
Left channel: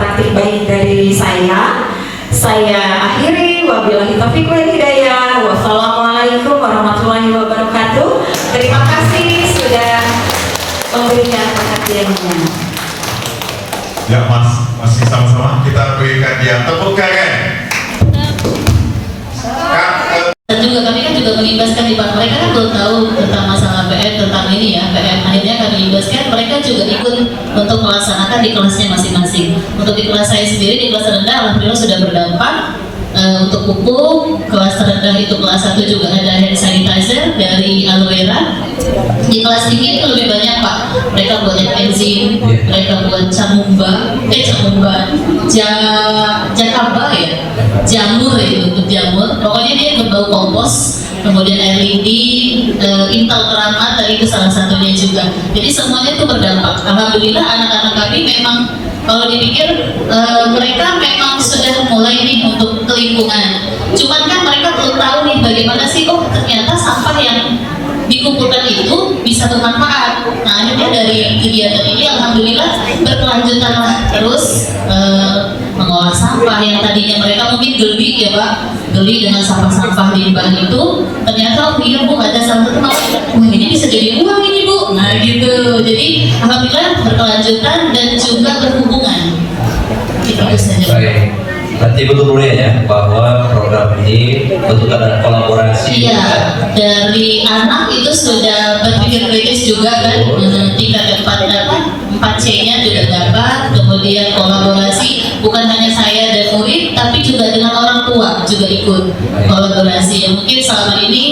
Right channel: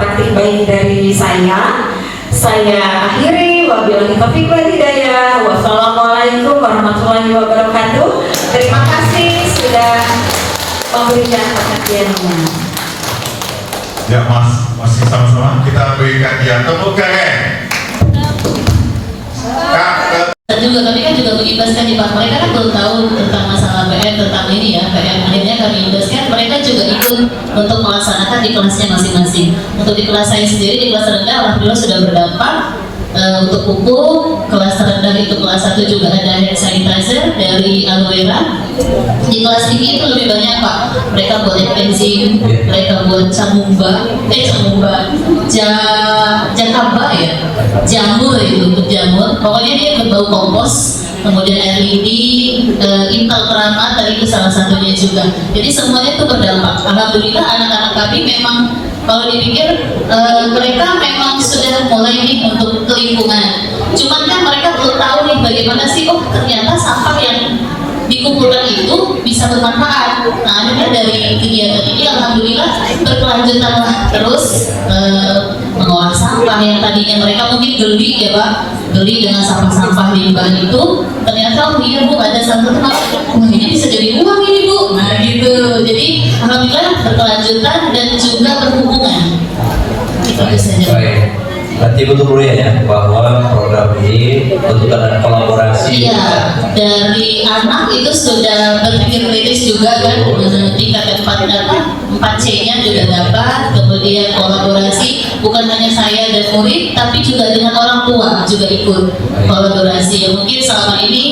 praktik baik dari saya. Saya akhiri, wabillahi taufiq wal hidayah. Wassalamualaikum warahmatullahi wabarakatuh. Terima kasih sudah memberikan perhatiannya. Ya Mas, masih sama-sama kita berikan dia tepuk tangan. Dan juga kami kan juga melibatkan di Pak, mereka kan belum tahu tentang masalah PM, tentang ini ya PM. Akhirnya kami libatkan, mereka juga ikut untuk melaksanakan di kelasnya masing-masing. Untuk di kelas saya sendiri, di kelas rendah alhamdulillah sudah berdampak. Untuk pupuk, kelas terendah itu kelas 1 juga ada hand sanitizer dari aloe vera. Di kelas tinggi itu lebih banyak Pak, mereka buat enzim, mereka buat jakaba ya, jamur itu untuk jamur. Pokoknya dia berbau kompos, kemudian air lidi, intal keramat, dan itu salah satunya juga. Jadi semuanya itu berdampak. Alhamdulillah anak-anak kami memang kalau dipikir mereka memang sudah mulai nih untuk ke lingkungan. Cuman kan mereka belum tahu nih bagaimana sih, oh ternyata sampah yang dikumpulkan itu bisa bermanfaat. Nah akhirnya dari kegiatan ini alhamdulillah berkelanjutan terus mengolah sampah yang tadinya mereka mungkin geli ya Pak, geli dengan sampah-sampah limbah itu, ternyata oh iya Bu ada satu teman, wah ini bisa jadi uang ini Bu. Nah gitu, jadi alhamdulillah berkelanjutan dan juga berhubungan. Itu saja. Baik. Berarti betul ya bahwa program ini bentuk ada kolaborasi. Iya, dari anak itu sudah berpikir kritis juga kan, tingkat 4C-nya juga dapat, kemudian kolaborasi bukan hanya saya dan murid, tapi juga dengan orang tua juga ikut kolaborasi. Ya, mungkin selama ini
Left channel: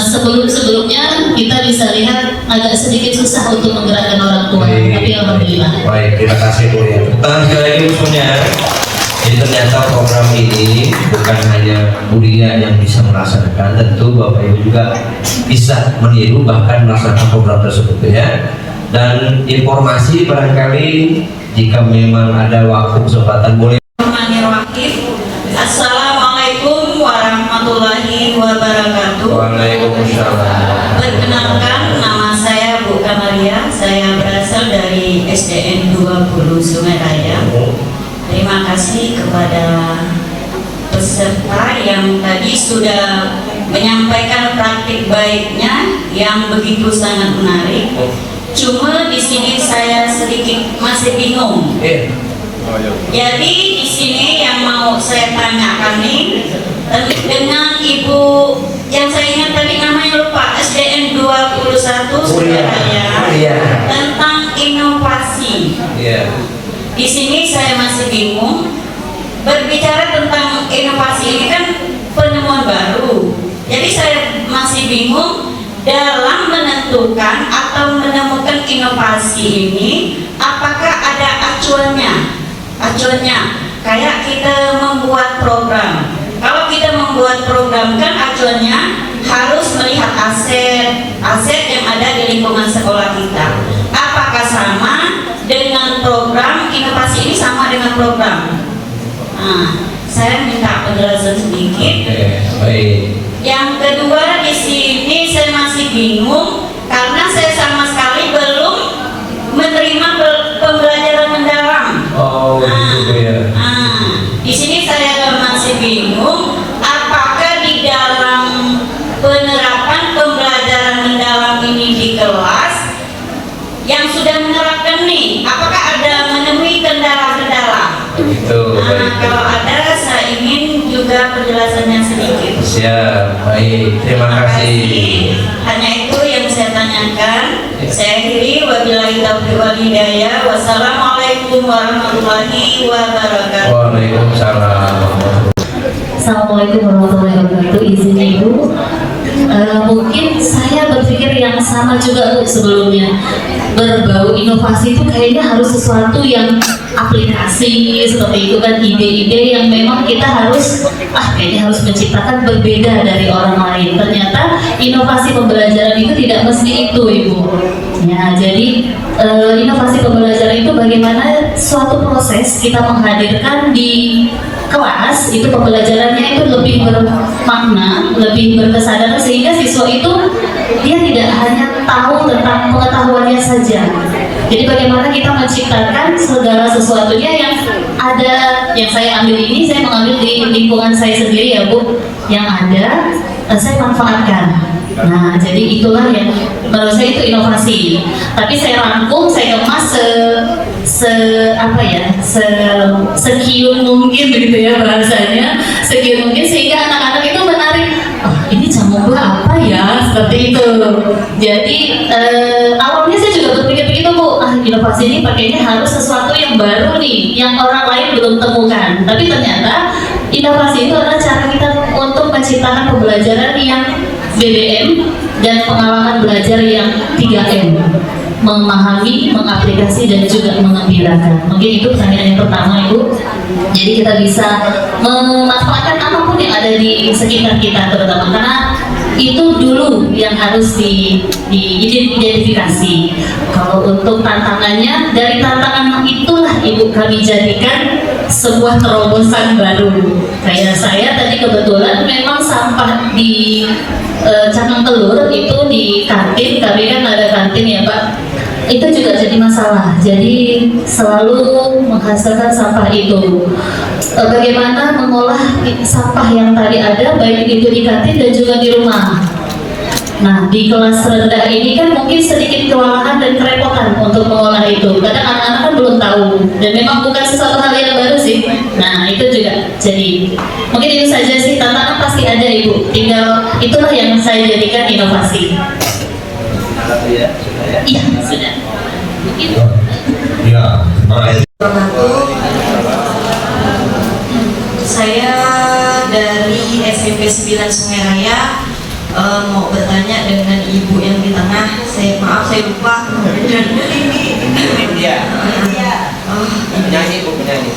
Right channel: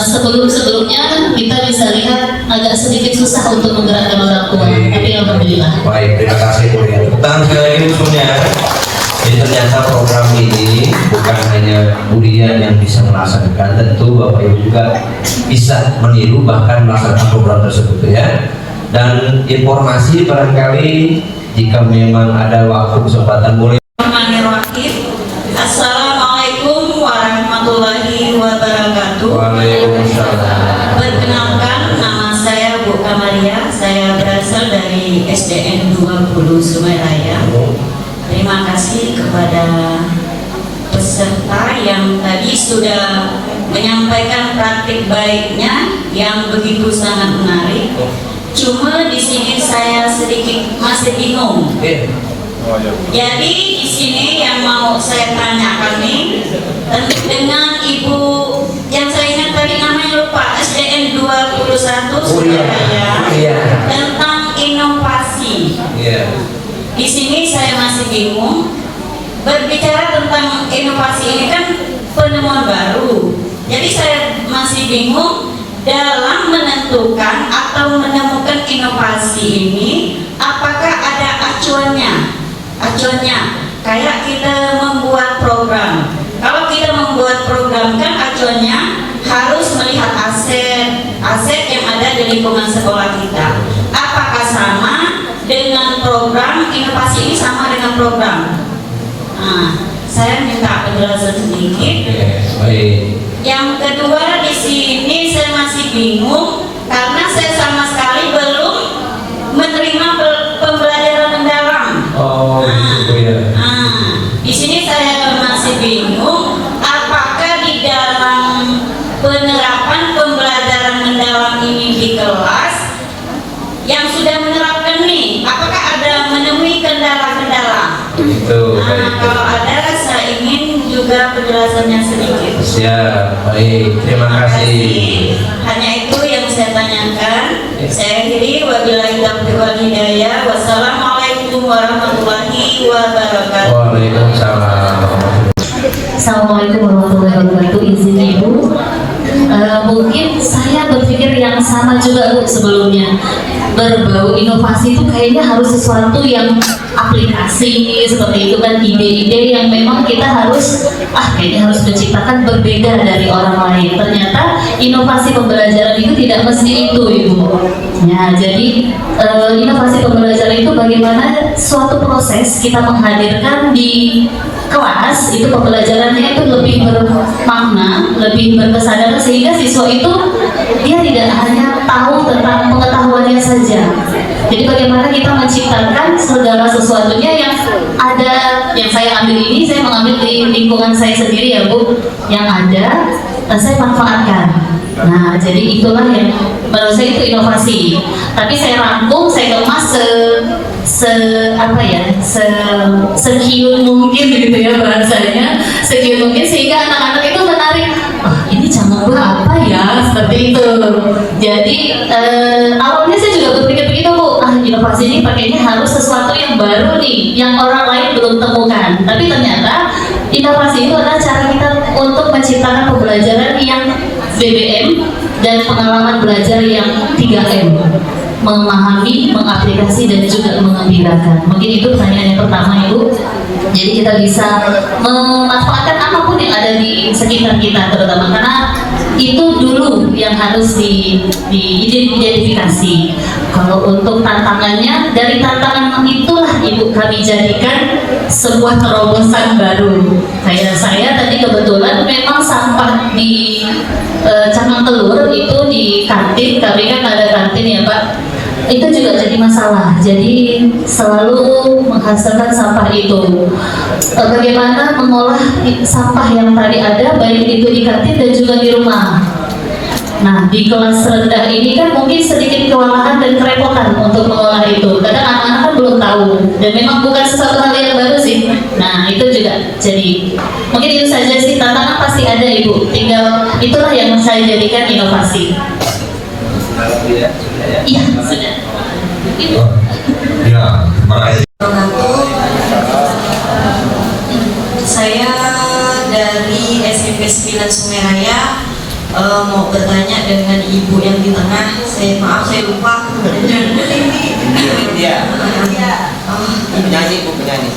sebelum-sebelumnya kita bisa lihat agak sedikit susah untuk menggerakkan orang tua, tapi alhamdulillah. Baik, terima kasih Bu ya. Tentang sekali lagi usulnya. Jadi ternyata program ini bukan hanya Budian yang bisa melaksanakan, tentu Bapak Ibu juga bisa meniru bahkan melaksanakan program tersebut ya. Dan informasi barangkali jika memang ada waktu kesempatan boleh. Assalamualaikum warahmatullahi wabarakatuh. Waalaikumsalam. Perkenalkan, nama saya Bu Kamaria. Saya berasal dari SDN 20 Sungai Raya. Terima kasih kepada peserta yang tadi sudah menyampaikan praktik baiknya yang begitu sangat menarik. Cuma di sini saya sedikit masih bingung. Jadi di sini yang mau saya tanyakan nih dengan Ibu yang saya ingat tadi namanya lupa, SDN 21 Surabaya, tentang inovasi. Di sini saya masih bingung. Berbicara tentang inovasi ini kan penemuan baru. Jadi saya masih bingung dalam menentukan atau menemukan inovasi ini, apakah ada acuannya? Acuannya kayak kita membuat program. Kalau kita membuat program kan acuannya harus melihat aset yang ada di lingkungan sekolah kita. Apakah sama dengan program inovasi ini, sama dengan program? Nah, saya minta penjelasan sedikit. Baik. Yang kedua di sini saya masih bingung karena saya sama sekali belum menerima pembelajaran mendalam. Gitu ya. Di sini saya masih bingung apakah di dalam penerapan pembelajaran mendalam ini di kelas penjelasannya sedikit. Siap, baik, terima kasih. Hanya itu yang saya tanyakan. Saya akhiri, wabillahi taufiq wal hidayah. Wassalamualaikum warahmatullahi wabarakatuh. Waalaikumsalam. Assalamualaikum warahmatullahi wabarakatuh. Izin Ibu, mungkin saya berpikir yang sama juga Bu sebelumnya. Berbau inovasi itu kayaknya harus sesuatu yang aplikasi seperti itu kan, ide-ide yang memang kita harus kayaknya harus menciptakan berbeda dari orang lain. Ternyata inovasi pembelajaran itu tidak mesti itu Ibu. Ya, jadi inovasi pembelajaran itu bagaimana suatu proses kita menghadirkan di kelas itu pembelajarannya itu lebih bermakna, lebih berkesadaran sehingga siswa itu dia tidak hanya tahu tentang pengetahuannya saja. Jadi bagaimana kita menciptakan segala sesuatunya yang ada, yang saya ambil ini saya mengambil di lingkungan saya sendiri ya Bu, yang ada saya manfaatkan. Nah, jadi itulah yang menurut saya itu inovasi. Tapi saya rangkum, saya kemas sekian mungkin begitu ya bahasanya, sekian mungkin sehingga anak-anak itu menarik. Ini jamu buah apa ya, seperti itu. Jadi awalnya saya juga berpikir begitu Bu, inovasi ini pakainya harus sesuatu yang baru nih, yang orang lain belum temukan. Tapi ternyata inovasi itu adalah cara kita untuk menciptakan pembelajaran yang BBM dan pengalaman belajar yang 3M, memahami, mengaplikasi, dan juga mengembirakan. Mungkin itu pertanyaan yang pertama Ibu. Jadi kita bisa memanfaatkan apapun yang ada di sekitar kita, terutama karena itu dulu yang harus diidentifikasi. Kalau untuk tantangannya, dari tantangan itulah Ibu kami jadikan sebuah terobosan baru. Kayak saya tadi kebetulan memang sampah di Cangkang Telur itu di kantin, kami kan ada kantin ya Pak, itu juga jadi masalah. Jadi selalu menghasilkan sampah itu. Bagaimana mengolah sampah yang tadi ada, baik itu di kantin dan juga di rumah. Nah, di kelas rendah ini kan mungkin sedikit kewalahan dan kerepotan untuk mengolah itu. Kadang anak-anak kan belum tahu, dan memang bukan sesuatu hal yang baru sih. Nah, itu juga jadi mungkin itu saja sih, tantangan pasti ada Ibu. Tinggal itulah yang saya jadikan inovasi. Iya, sudah. Ya, terima kasih. Saya dari SMP 9 Sungai Raya mau bertanya dengan Ibu yang di tengah. Maaf saya lupa. Iya. Penyanyi itu penyanyi.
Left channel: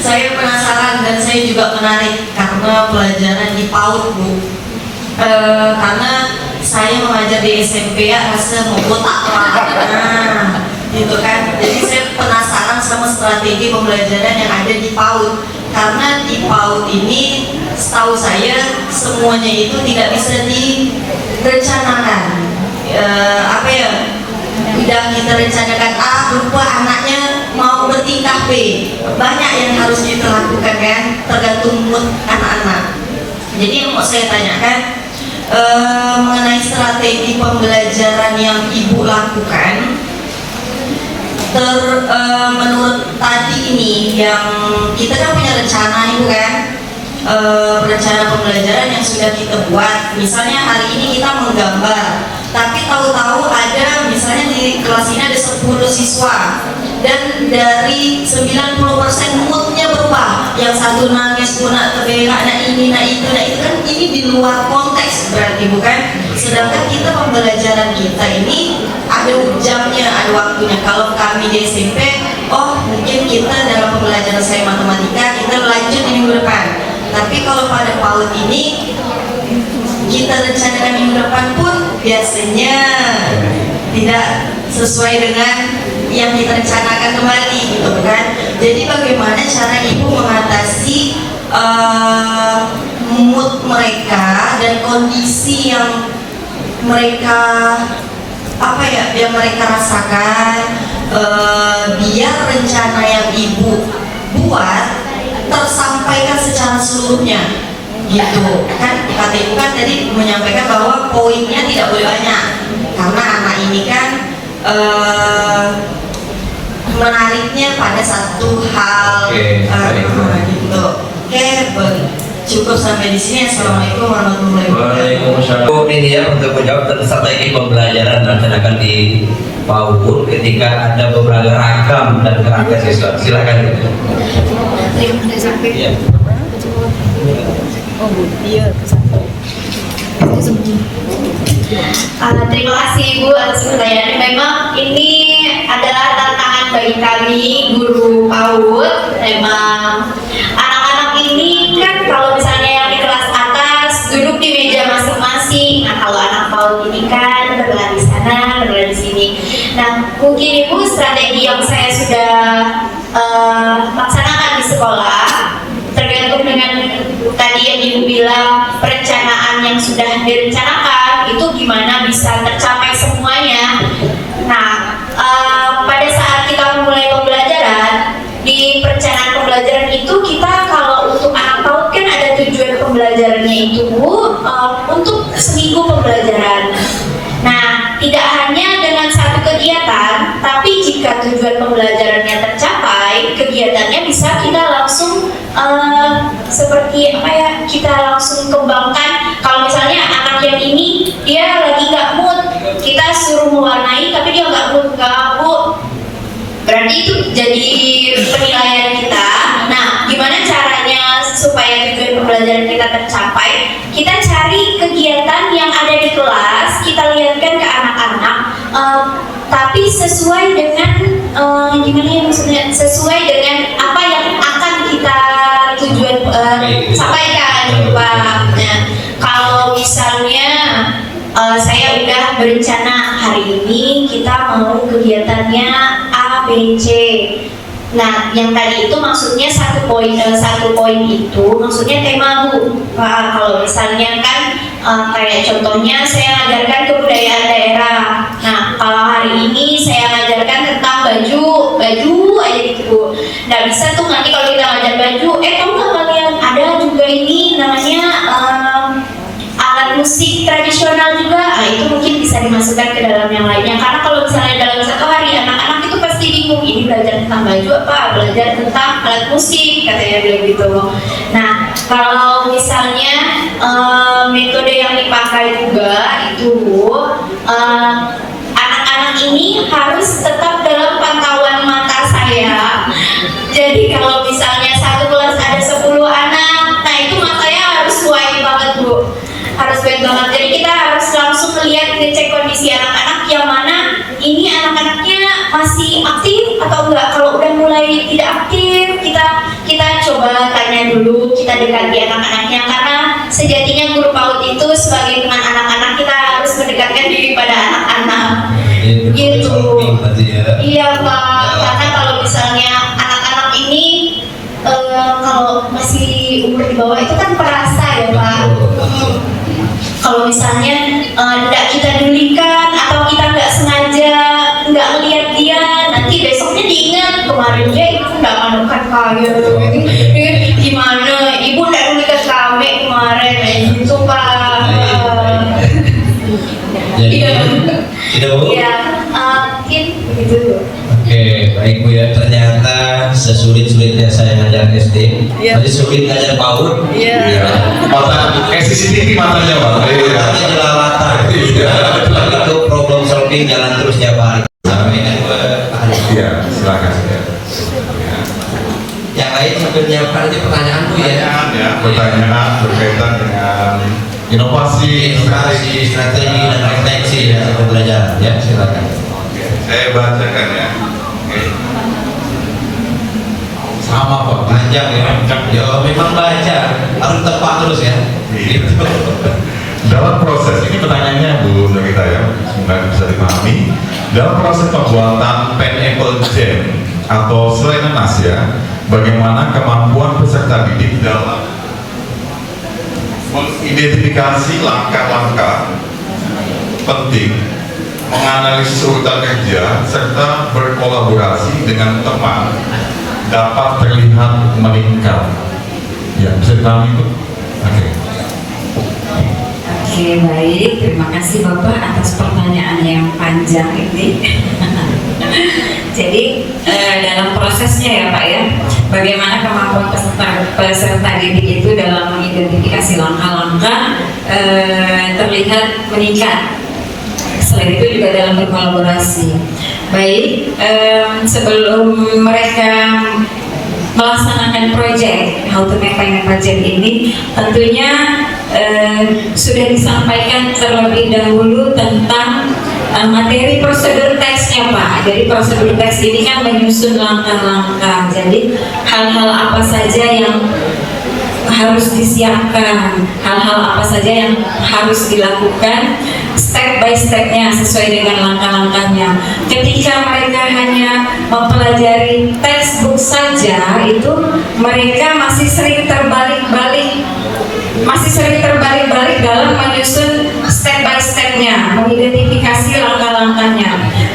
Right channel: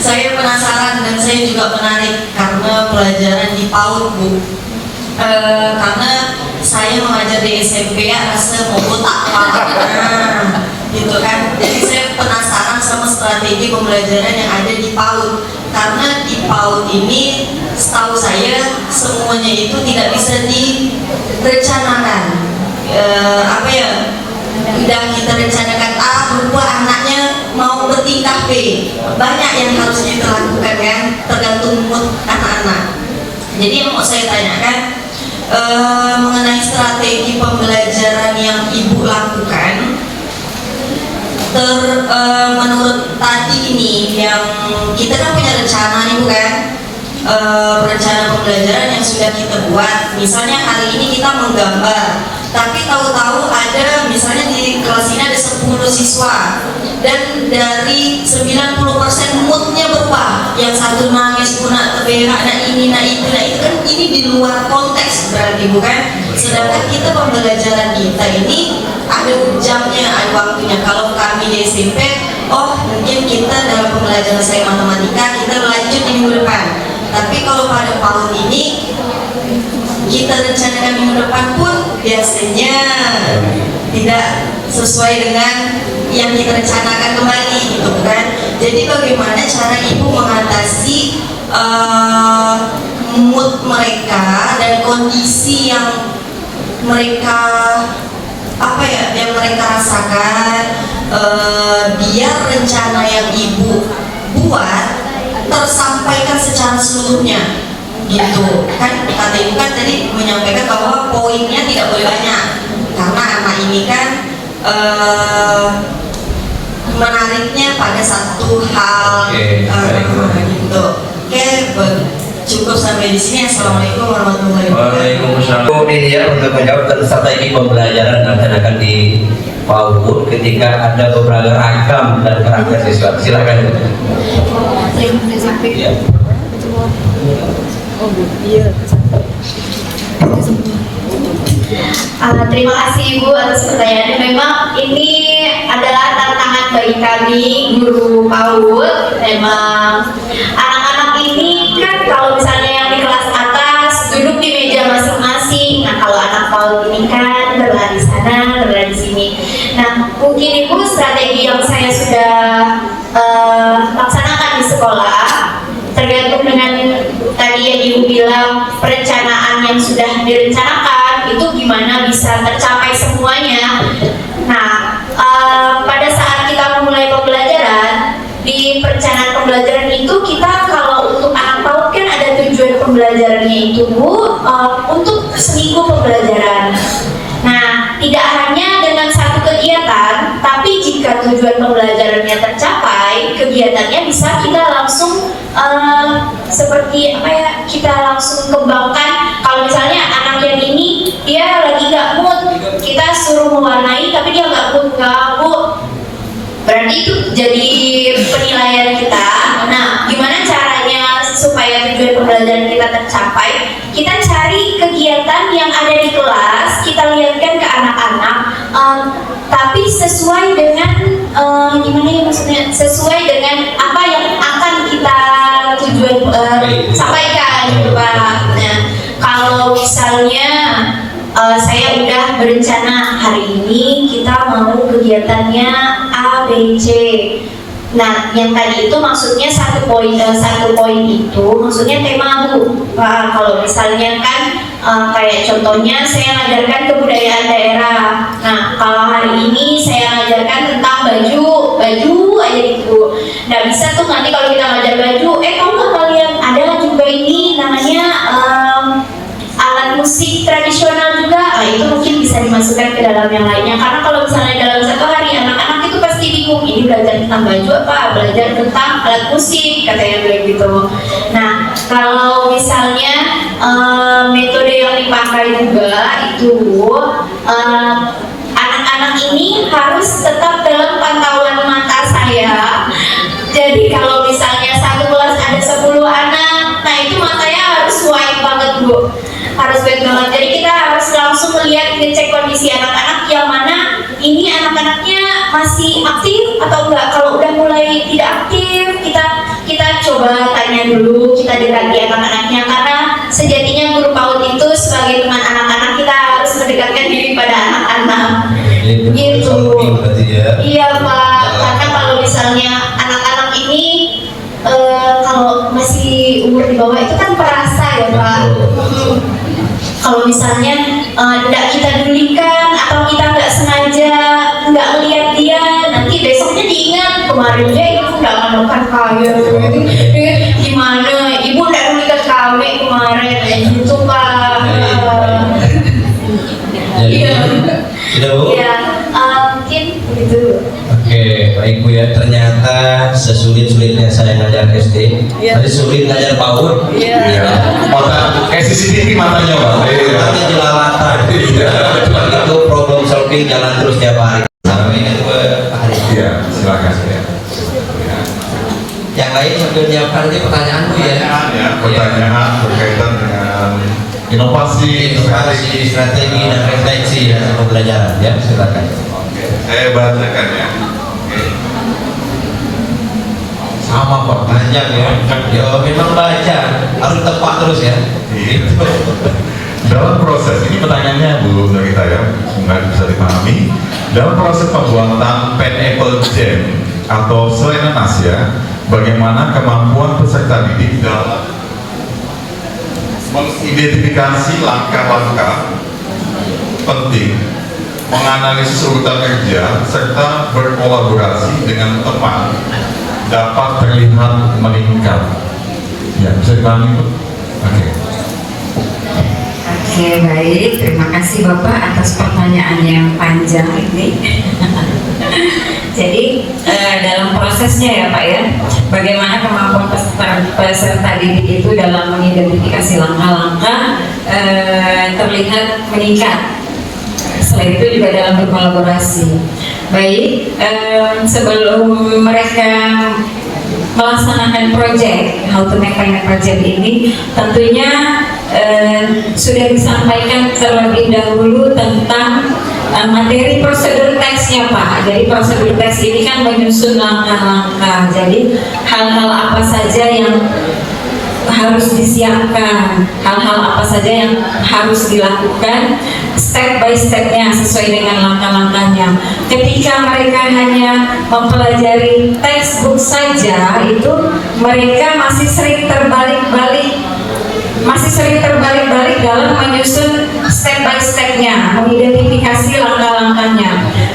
Saya penasaran dan saya juga menarik karena pelajaran di PAUD Bu. Karena saya mengajar di SMP ya, rasa mau botak gitu kan. Jadi saya penasaran sama strategi pembelajaran yang ada di PAUD. Karena di PAUD ini setahu saya semuanya itu tidak bisa direncanakan. Udah kita rencanakan A, lupa anaknya mau bertingkah B. Banyak yang harus kita lakukan kan, tergantung mood anak-anak. Jadi yang mau saya tanyakan mengenai strategi pembelajaran yang Ibu lakukan. Menurut tadi ini yang kita kan punya rencana nih kan, rencana pembelajaran yang sudah kita buat. Misalnya hari ini kita menggambar, tapi tahu-tahu ada misalnya di kelas ini ada 10 siswa dan dari 90% moodnya berubah. Yang satu nangis, nak berak, nak ini, nak itu, kan ini di luar konteks berarti bukan. Sedangkan kita pembelajaran kita ini ada jamnya, ada waktunya. Kalau kami di SMP, mungkin kita dalam pembelajaran saya matematika kita lanjut di minggu depan. Tapi kalau pada PAUD ini kita rencanakan minggu depan pun biasanya tidak sesuai dengan yang kita rencanakan kembali gitu kan. Jadi bagaimana cara Ibu mengatasi mood mereka dan kondisi yang mereka yang mereka rasakan, biar rencana yang Ibu buat tersampaikan secara seluruhnya gitu kan. Kata Ibu kan tadi menyampaikan bahwa poinnya tidak boleh banyak karena anak ini kan menariknya pada satu hal gitu. sampai di sini. Assalamualaikum warahmatullahi wabarakatuh. Waalaikumsalam. Ini ya untuk menjawab strategi pembelajaran dilaksanakan di PAUD ketika ada beberapa ragam dan karakter siswa. Silakan. Ya. Terima kasih Ibu atas pertanyaannya. Memang ini adalah tantangan bagi kami guru PAUD. Memang anak-anak ini kan kalau misalnya yang di kelas atas duduk di meja masing-masing. Nah kalau anak PAUD ini kan berlari sana, berlari sini. Nah mungkin Ibu strategi yang saya sudah laksanakan di sekolah tergantung dengan tadi yang Ibu bilang perencanaan yang sudah direncanakan itu gimana bisa tercapai semuanya. Nah, pada saat kita memulai pembelajaran, di perencanaan pembelajaran itu kita kalau untuk anak PAUD kan ada tujuan pembelajarannya itu Bu, untuk seminggu pembelajaran. Nah, tidak hanya dengan satu kegiatan, tapi jika tujuan pembelajarannya tercapai, kegiatannya bisa kita langsung seperti apa ya, kita langsung kembangkan. Kalau misalnya anak yang ini dia lagi nggak mood, kita suruh mewarnai tapi dia nggak mood, nggak Bu, berarti itu jadi penilaian kita. Nah, gimana caranya supaya tujuan pembelajaran kita tercapai? Kita cari kegiatan yang ada di kelas, kita lihatkan ke anak-anak, tapi sesuai dengan gimana ya maksudnya, sesuai dengan apa yang akan kita tujuan sampaikan gitu Pak. Nah, kalau misalnya saya udah berencana hari ini kita mau kegiatannya A, B, C. Nah, yang tadi itu maksudnya satu poin itu maksudnya tema Bu. Kalau misalnya kan kayak contohnya saya ngajarkan kebudayaan daerah. Nah, kalau hari ini saya ngajarkan tentang baju aja gitu. Nah, bisa tuh nanti kalau kita ngajar baju, kamu nggak kalian ada juga ini namanya alat musik tradisional juga. Nah, itu mungkin bisa dimasukkan ke dalam yang lainnya. Karena kalau misalnya dalam satu hari anak-anak itu pasti bingung, ini belajar tentang baju apa, belajar tentang alat musik, katanya bilang gitu. Nah, kalau misalnya metode yang dipakai juga itu anak-anak ini harus tetap dalam pantauan mata saya. Jadi kalau misalnya satu kelas ada 10 anak, nah itu matanya harus wide banget Bu, harus baik banget. Jadi kita harus langsung ngecek kondisi anak-anak yang mana ini anak-anaknya masih aktif atau enggak. Kalau udah mulai tidak aktif, kita coba tanya dulu, kita dekati anak-anaknya, karena sejatinya guru PAUD itu sebagai teman anak-anak, kita harus mendekatkan diri pada anak-anak. Gitu. Iya Pak, karena kalau misalnya anak-anak ini kalau masih umur di bawah itu kan perasa ya Pak. Kalau misalnya tidak kita dulikan atau kita nggak sengaja nggak lihat dia, nanti besoknya diingat kemarin dia ibu nggak manukan kaya, gimana ibu nggak dulikan kami kemarin, gitu Pak. Iya. Tidak Bu? Iya, mungkin begitu. Oke, baik Bu ya. Ternyata sesulit-sulitnya saya ngajar SD, masih sulit ngajar PAUD. Iya. Mata CCTV matanya Pak. Mata jelalatan. Itu problem solving jalan terus tiap hari. Sampai ini Iya, silakan ya. yang lain sambil menjawabkan nanti pertanyaan Bu ya. Pertanyaan berkaitan dengan inovasi, Strategi dan refleksi dari pembelajaran ya, silakan. Oke, saya bacakan ya. Sama Pak. Panjang ya. Ya memang baca harus tepat terus ya. Gitu. Dalam proses ini pertanyaannya Bu Nurita ya, semoga bisa dipahami. Dalam proses pembuatan Pineapple Jam atau selai nanas ya, bagaimana kemampuan peserta didik dalam mengidentifikasi langkah-langkah penting, menganalisis urutan kerja, serta berkolaborasi dengan teman dapat terlihat meningkat. Ya, bisa dipahami Bu? Oke. Oke, baik. Terima kasih Bapak atas pertanyaan yang panjang ini. Jadi dalam prosesnya ya Pak ya, bagaimana kemampuan peserta didik itu dalam mengidentifikasi terlihat meningkat. Selain itu juga dalam berkolaborasi. Baik, sebelum mereka melaksanakan proyek How to Make Finance Project ini, tentunya sudah disampaikan terlebih dahulu tentang materi prosedur teksnya Pak. Jadi prosedur teks ini kan menyusun langkah-langkah. Jadi hal-hal apa saja yang harus disiapkan, hal-hal apa saja yang harus dilakukan step by stepnya sesuai dengan langkah-langkahnya. Ketika mereka hanya mempelajari textbook saja, itu mereka masih sering terbalik-balik dalam menyusun step by stepnya, mengidentifikasi langkah-langkahnya.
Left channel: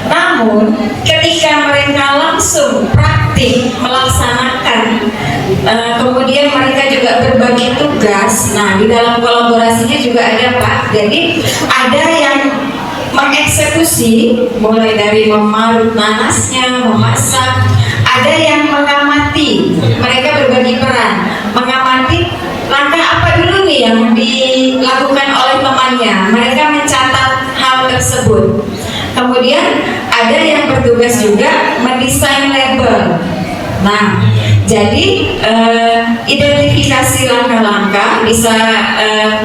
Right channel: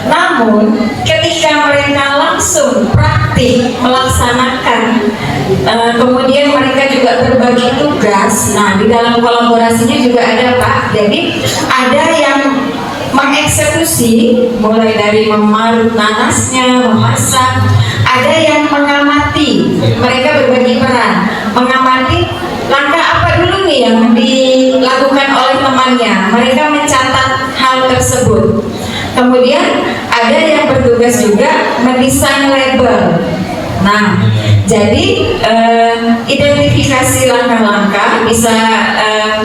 Namun ketika mereka langsung praktik melaksanakan, kemudian mereka juga berbagi tugas. Nah, di dalam kolaborasinya juga ada Pak. Jadi ada yang mengeksekusi, mulai dari memarut nanasnya, memasak. Ada yang mengamati. Mereka berbagi peran, mengamati langkah apa dulu nih yang dilakukan oleh temannya. Mereka mencatat hal tersebut. Kemudian ada yang bertugas juga mendesain label. Nah, jadi identifikasi langkah-langkah bisa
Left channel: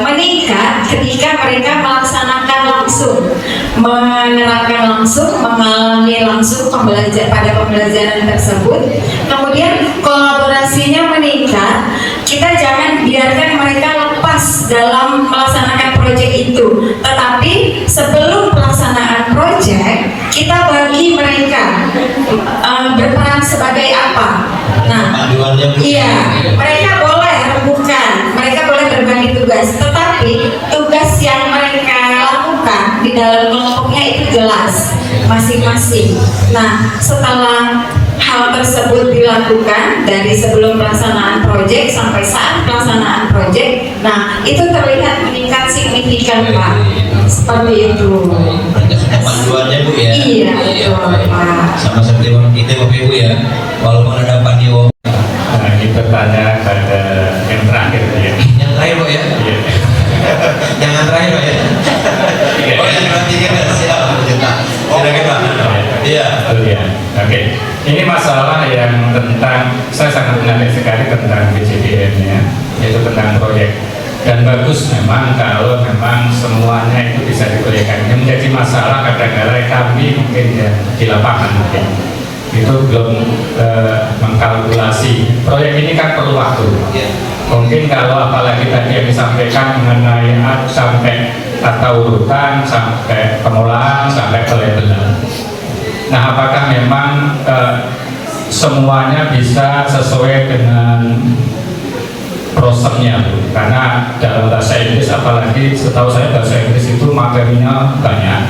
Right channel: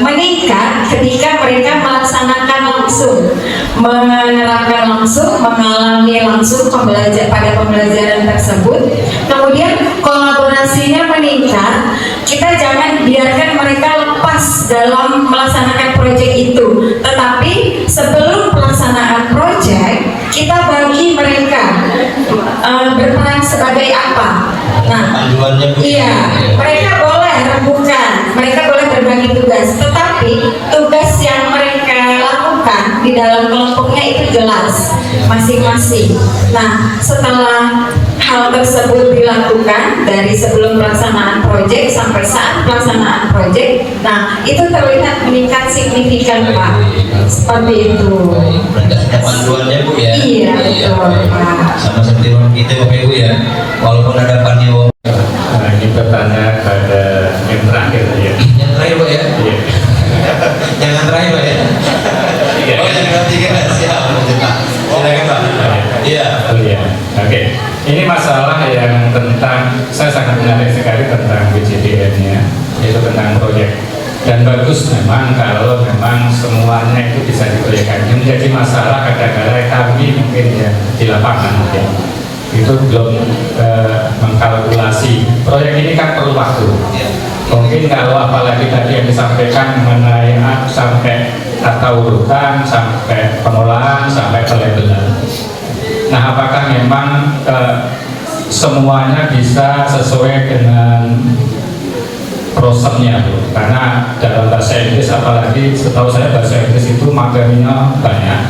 meningkat ketika mereka melaksanakan langsung, menerapkan langsung, mengalami langsung pada pembelajaran tersebut. Kemudian kolaborasinya meningkat. Kita jangan biarkan mereka lepas dalam melaksanakan proyek itu, tetapi sebelum pelaksanaan proyek kita bagi mereka berperan sebagai apa. Nah, iya, mereka boleh rembukan, mereka boleh berbagi tugas, tetapi tugas yang mereka lakukan di dalam kelompoknya itu jelas masing-masing. Nah, setelah hal tersebut dilakukan dari sebelum pelaksanaan proyek sampai saat pelaksanaan proyek, nah itu terlihat meningkat signifikan Pak. Seperti itu. Ada panduannya Bu ya? Iya, betul Pak. Sama seperti orang kita Bapak Ibu ya, walaupun ada panduan. Nah, ini bertanya pada yang terakhir ya. Yang terakhir Pak ya? Iya. Jangan terakhir Pak ya? Oh yang ketiga siap. Silakan Pak. Iya. Oh iya. Oke. Ini masalah yang tentang, saya sangat menarik sekali tentang BCDN-nya, yaitu tentang proyek. Dan bagus memang kalau memang semuanya itu bisa diproyekkan. Yang menjadi masalah kadang-kadang kami mungkin ya di lapangan mungkin itu belum mengkalkulasi. Proyek ini kan perlu waktu. Mungkin kalau apalagi tadi yang disampaikan mengenai sampai tata urutan, sampai pengolahan, sampai pelabelan. Nah, apakah memang semuanya bisa sesuai dengan prosesnya Bu? Karena dalam bahasa Inggris, apalagi setahu saya bahasa Inggris itu materinya banyak.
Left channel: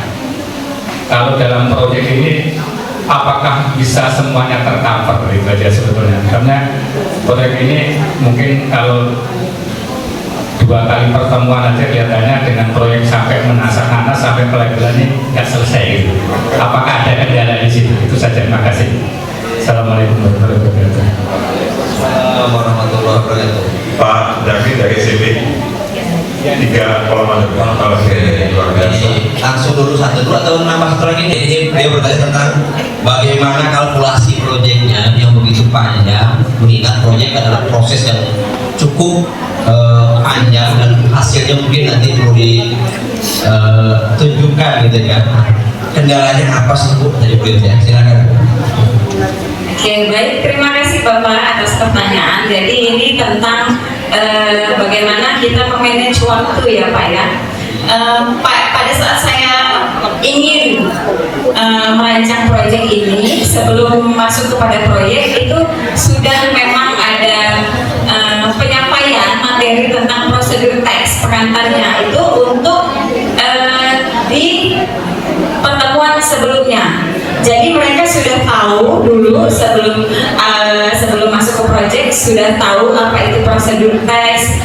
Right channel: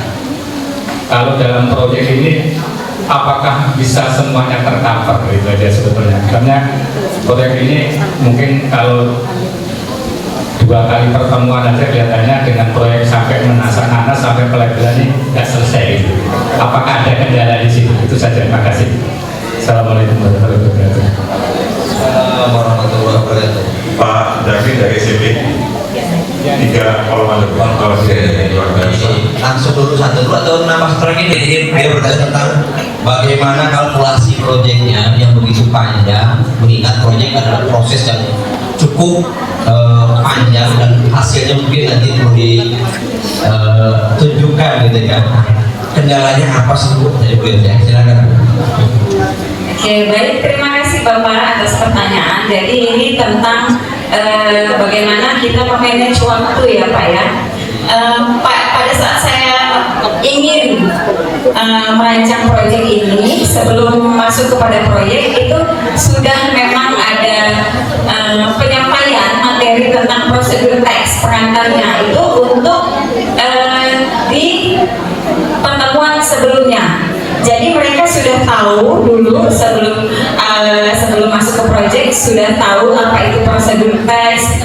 Kalau dalam proyek ini apakah bisa semuanya tercover itu aja sebetulnya? Karena proyek ini mungkin kalau 2 kali pertemuan aja kelihatannya dengan proyek sampai menasah nanas sampai pelabelan ini nggak selesai gitu. Apakah ada kendala di situ? Itu saja. Terima kasih. Assalamualaikum warahmatullahi wabarakatuh. Assalamualaikum warahmatullahi wabarakatuh. Pak Jaki dari CP 3 kolom depan. Langsung dulu satu dulu atau nambah satu lagi nih? Dia bertanya tentang bagaimana kalkulasi proyeknya yang begitu panjang, mengingat proyek adalah proses yang cukup panjang dan hasilnya mungkin nanti perlu ditunjukkan gitu kan. Kendalanya apa sih Bu? Dari beliau silakan. Oke, baik, terima kasih Bapak atas pertanyaan. Jadi ini tentang bagaimana kita memanage waktu ya Pak ya. Pada saat saya ingin merancang proyek ini, sebelum masuk kepada proyek itu sudah memang ada penyampaian materi tentang prosedur teks pengantarnya itu untuk di pertemuan sebelumnya. Jadi mereka sudah tahu dulu sebelum masuk ke proyek sudah tahu apa itu prosedur teks,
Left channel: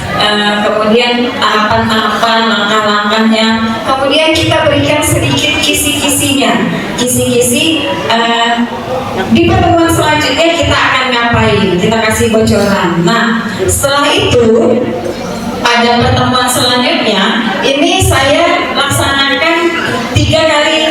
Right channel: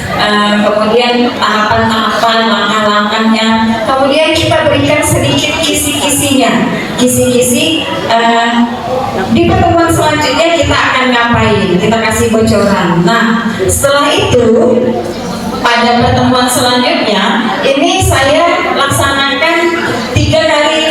kemudian tahapan-tahapan, langkah-langkahnya. Kemudian kita berikan sedikit kisi-kisinya, kisi-kisi di pertemuan selanjutnya kita akan ngapain, kita kasih bocoran. Nah, setelah itu pada pertemuan selanjutnya ini saya laksanakan 3 kali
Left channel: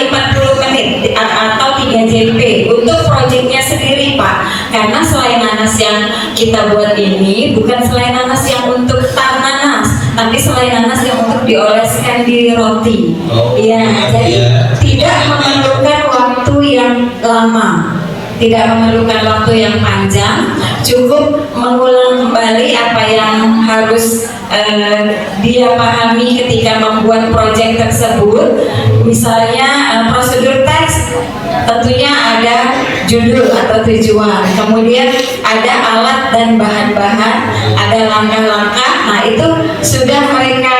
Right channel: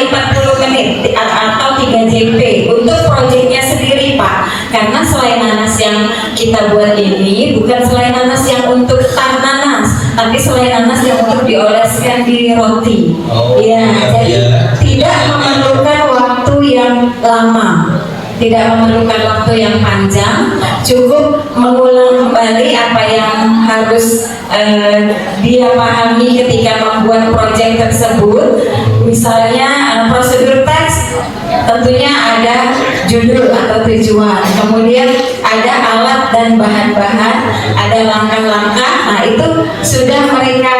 40 menit atau 3 JP untuk proyeknya sendiri Pak, karena selai nanas yang kita buat ini bukan selai nanas yang untuk tang nanas, tapi selai nanas yang untuk dioleskan di roti. Jadi tidak memerlukan waktu yang lama, tidak memerlukan waktu yang panjang, cukup mengulang kembali apa yang harus dia pahami ketika membuat proyek tersebut. Misalnya prosedur teks, tentunya ada judul atau tujuan, kemudian ada alat dan bahan-bahan, ada langkah-langkah. Nah itu sudah mereka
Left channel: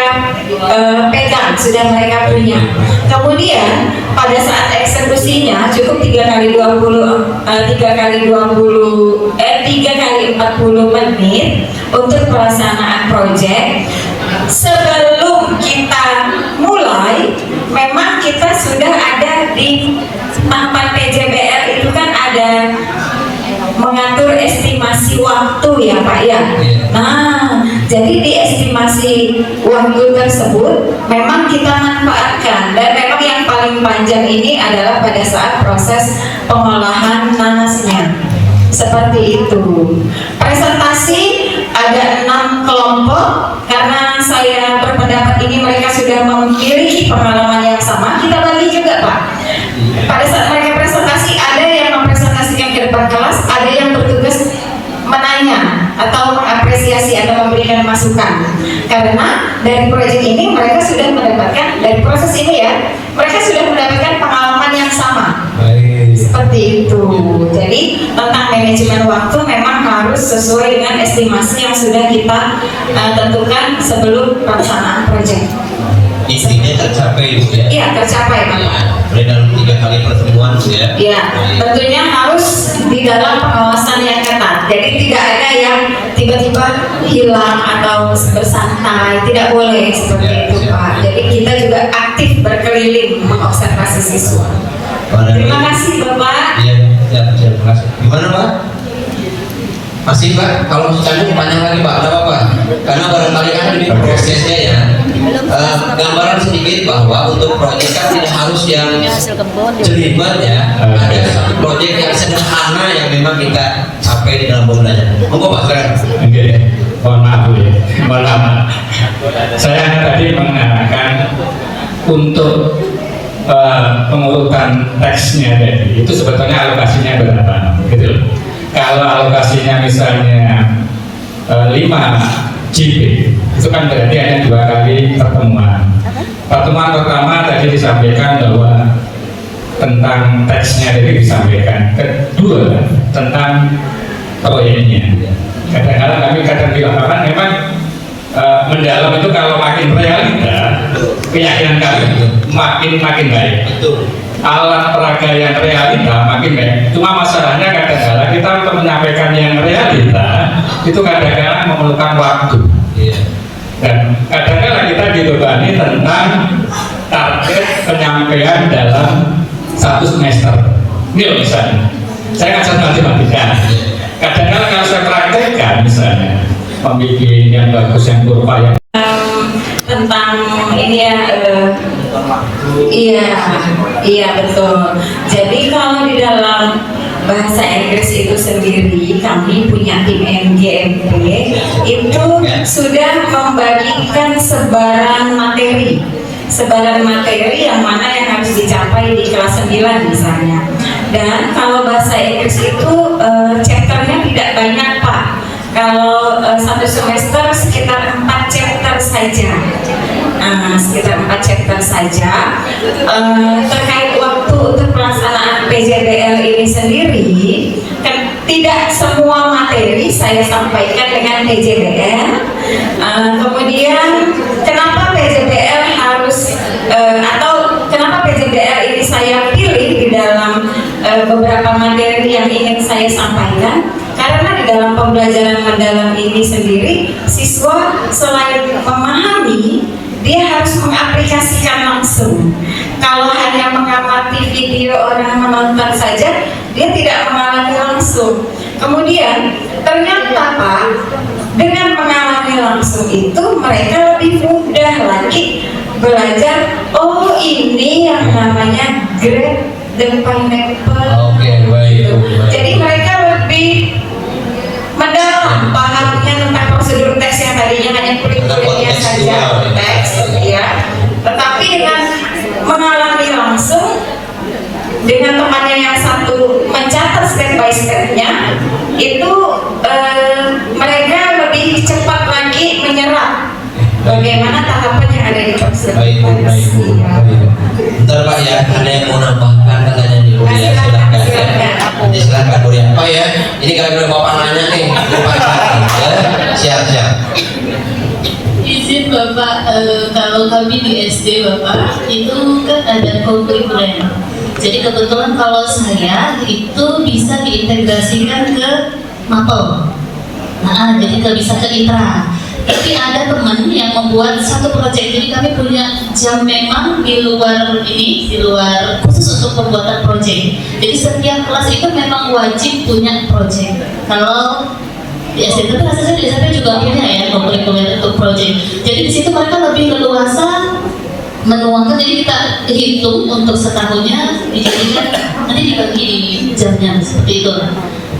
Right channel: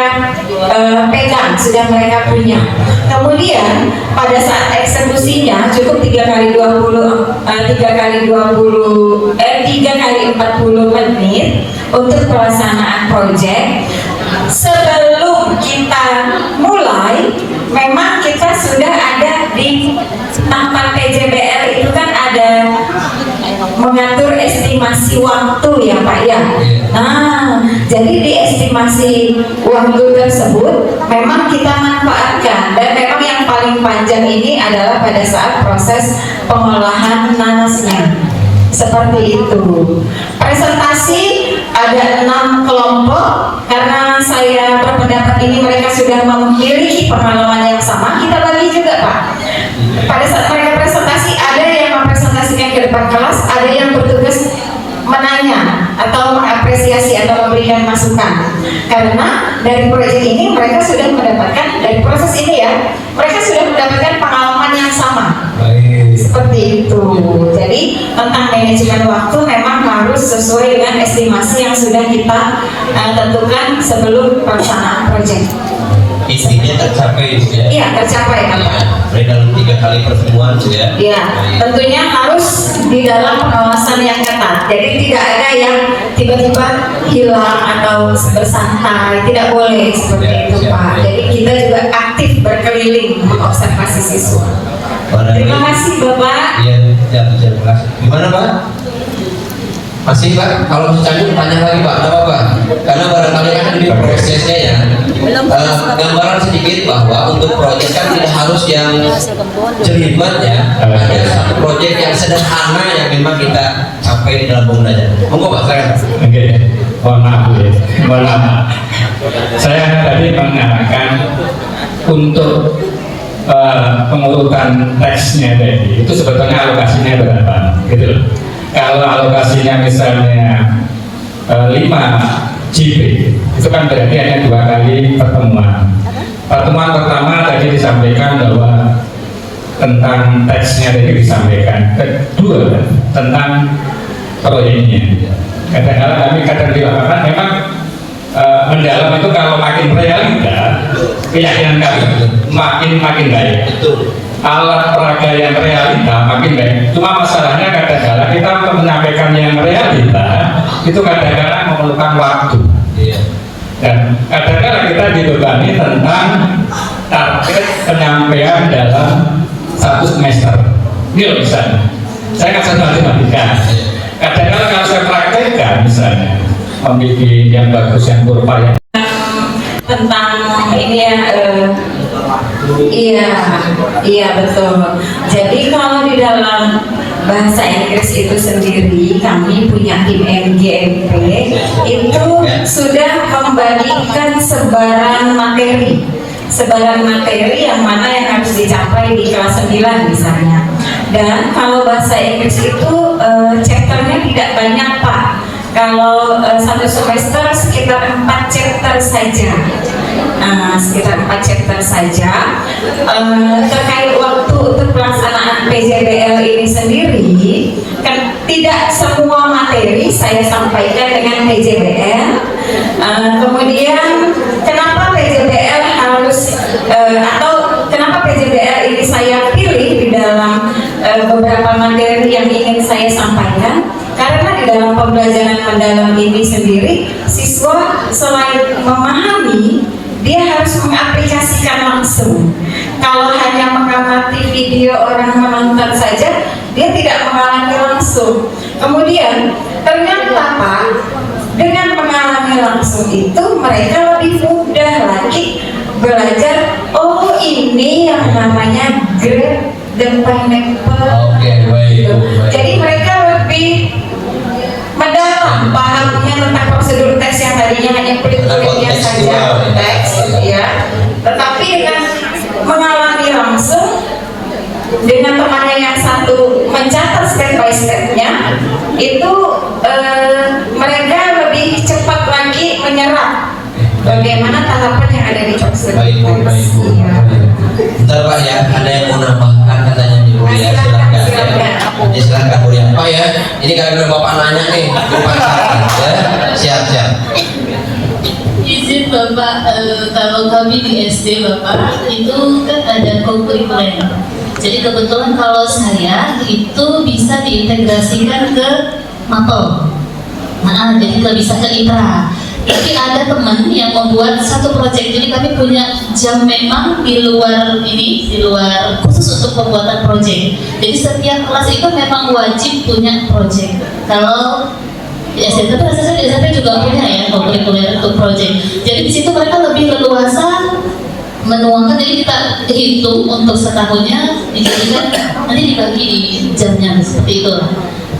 pegang, sudah mereka punya. Kemudian pada saat eksekusinya cukup 3 kali 40 menit untuk pelaksanaan proyek. Sebelum kita mulai, memang kita sudah ada di tempat PJBL itu kan ada mengatur estimasi waktu ya Pak ya. Nah, jadi di estimasi waktu tersebut memang kita manfaatkan, dan memang yang paling panjang ini adalah pada saat proses pengolahan nanasnya. Seperti itu. Presentasi ada 6 kelompok, karena saya berpendapat ini mereka sudah memiliki pengalaman yang sama. Kita bagi juga Pak. Pada saat mereka presentasi, ada yang mempresentasikan ke depan kelas, ada yang bertugas menanya atau mengapresiasi atau memberikan masukan. Karena dari proyek ini mereka sudah mendapatkan, dari proses ini ya, mereka sudah mendapatkan pengalaman yang sama. Seperti itu. Jadi tentang manajemen waktu memang harus sesuai dengan estimasi yang sudah kita tentukan sebelum pelaksanaan proyek. Intinya tercapai ya? Iya, tercapai Pak. Dalam 3 kali pertemuan ya? Iya, tentunya harus di dalam pengawasan yang ketat. Jadi tidak ada yang tiba-tiba hilang atau bersantai, tidak boleh seperti itu Pak. Jadi kita juga aktif berkeliling mengobservasi siswa. Terima kasih Bapak. Iya, terima kasih. Gimana Pak? Masih Pak? Kalau misalnya tanya lagi Pak, ada apa? Karena barangkali kan ini prosesnya ya. Gambaran sedikit bahwa untuk proyek kan tidak harus yang jelimet ya. Ada satu proyek yang sederhana yang memang kita capai di dalam pembelajaran. Monggo Pak saya. Oke, mohon maaf ya. Mohon maaf. Saya tadi mengatakan untuk pengurutan teksnya tadi itu sebetulnya alokasinya berapa gitu. Kalau alokasinya misalnya 5 JP itu kan berarti hanya 2 kali pertemuan. Pertemuan pertama tadi disampaikan bahwa tentang teksnya tadi disampaikan, kedua tentang proyeknya. Kadang-kadang kami kadang dilakukan memang mendalam itu kalau makin realita, keyakinan kami makin baik. Alat peraga yang realita makin baik. Cuma masalahnya kadang-kadang kita untuk menyampaikan yang realita itu kadang-kadang memerlukan waktu. Dan kadang-kadang kita dibebani tentang target penyampaian dalam 1 semester. Ini loh misalnya, saya kan matematika. Kadang-kadang yang saya praktekkan misalnya membuat yang bagus yang kurva yang tentang ini ya, iya betul. Jadi kalau di dalam bahasa Inggris itu sendiri kami punya tim MGMP itu sudah membagikan sebaran materi yang mana yang harus dicapai di kelas 9 misalnya. Dan kalau bahasa Inggris itu chapternya tidak banyak Pak. Kalau 1 semester sekitar 4 chapter saja. Terkait waktu untuk pelaksanaan PJBL ini sendiri, kan tidak semua materi saya sampaikan dengan PJBL. Kemudian kenapa PJBL harus atau kenapa PJBL ini saya pilih di dalam beberapa materi yang ingin saya sampaikan? Karena di dalam pembelajaran mendalam ini sendiri, siswa selain memahami, dia harus mengaplikasikan langsung. Kalau hanya mengamati video orang menonton saja, dia tidak mengalami langsung. Kemudian ternyata Pak, dengan mengalami langsung itu mereka lebih mudah lagi belajar. Oh, ini yang namanya grade the pineapple. Oke, baik. Jadi mereka lebih mendalam pahamnya tentang prosedur tes yang tadinya hanya pelik-peliknya saja teks, ya. Tetapi dengan mengalami langsung, dengan temannya yang satu mencatat step by stepnya, itu mereka lebih cepat lagi menyerap bagaimana tahapan yang ada di teks. Baik, bentar Pak ya, ada yang mau nambahkan katanya di ya, silakan ya. Nanti silakan Bu ya. Pak ya, ini kalau Bapak nanya nih, Bapak ya, siap. Izin Bapak, kalau kami di SD Bapak itu kan ada kurikuler. Jadi kebetulan kalau saya itu bisa diintegrasikan ke MAPEL. Nah, jadi nggak bisa ke ITRA. Tapi ada teman yang membuat satu proyek. Jadi kami punya jam memang di luar khusus untuk pembuatan proyek. Jadi setiap kelas itu memang wajib punya proyek. Kalau di SMP rasanya di SMP juga punya ya kurikuler untuk proyek. Jadi di situ mereka lebih leluasa menuangkan, jadi kita hitung untuk setahunnya dijadikan nanti dibagi di jamnya seperti itu.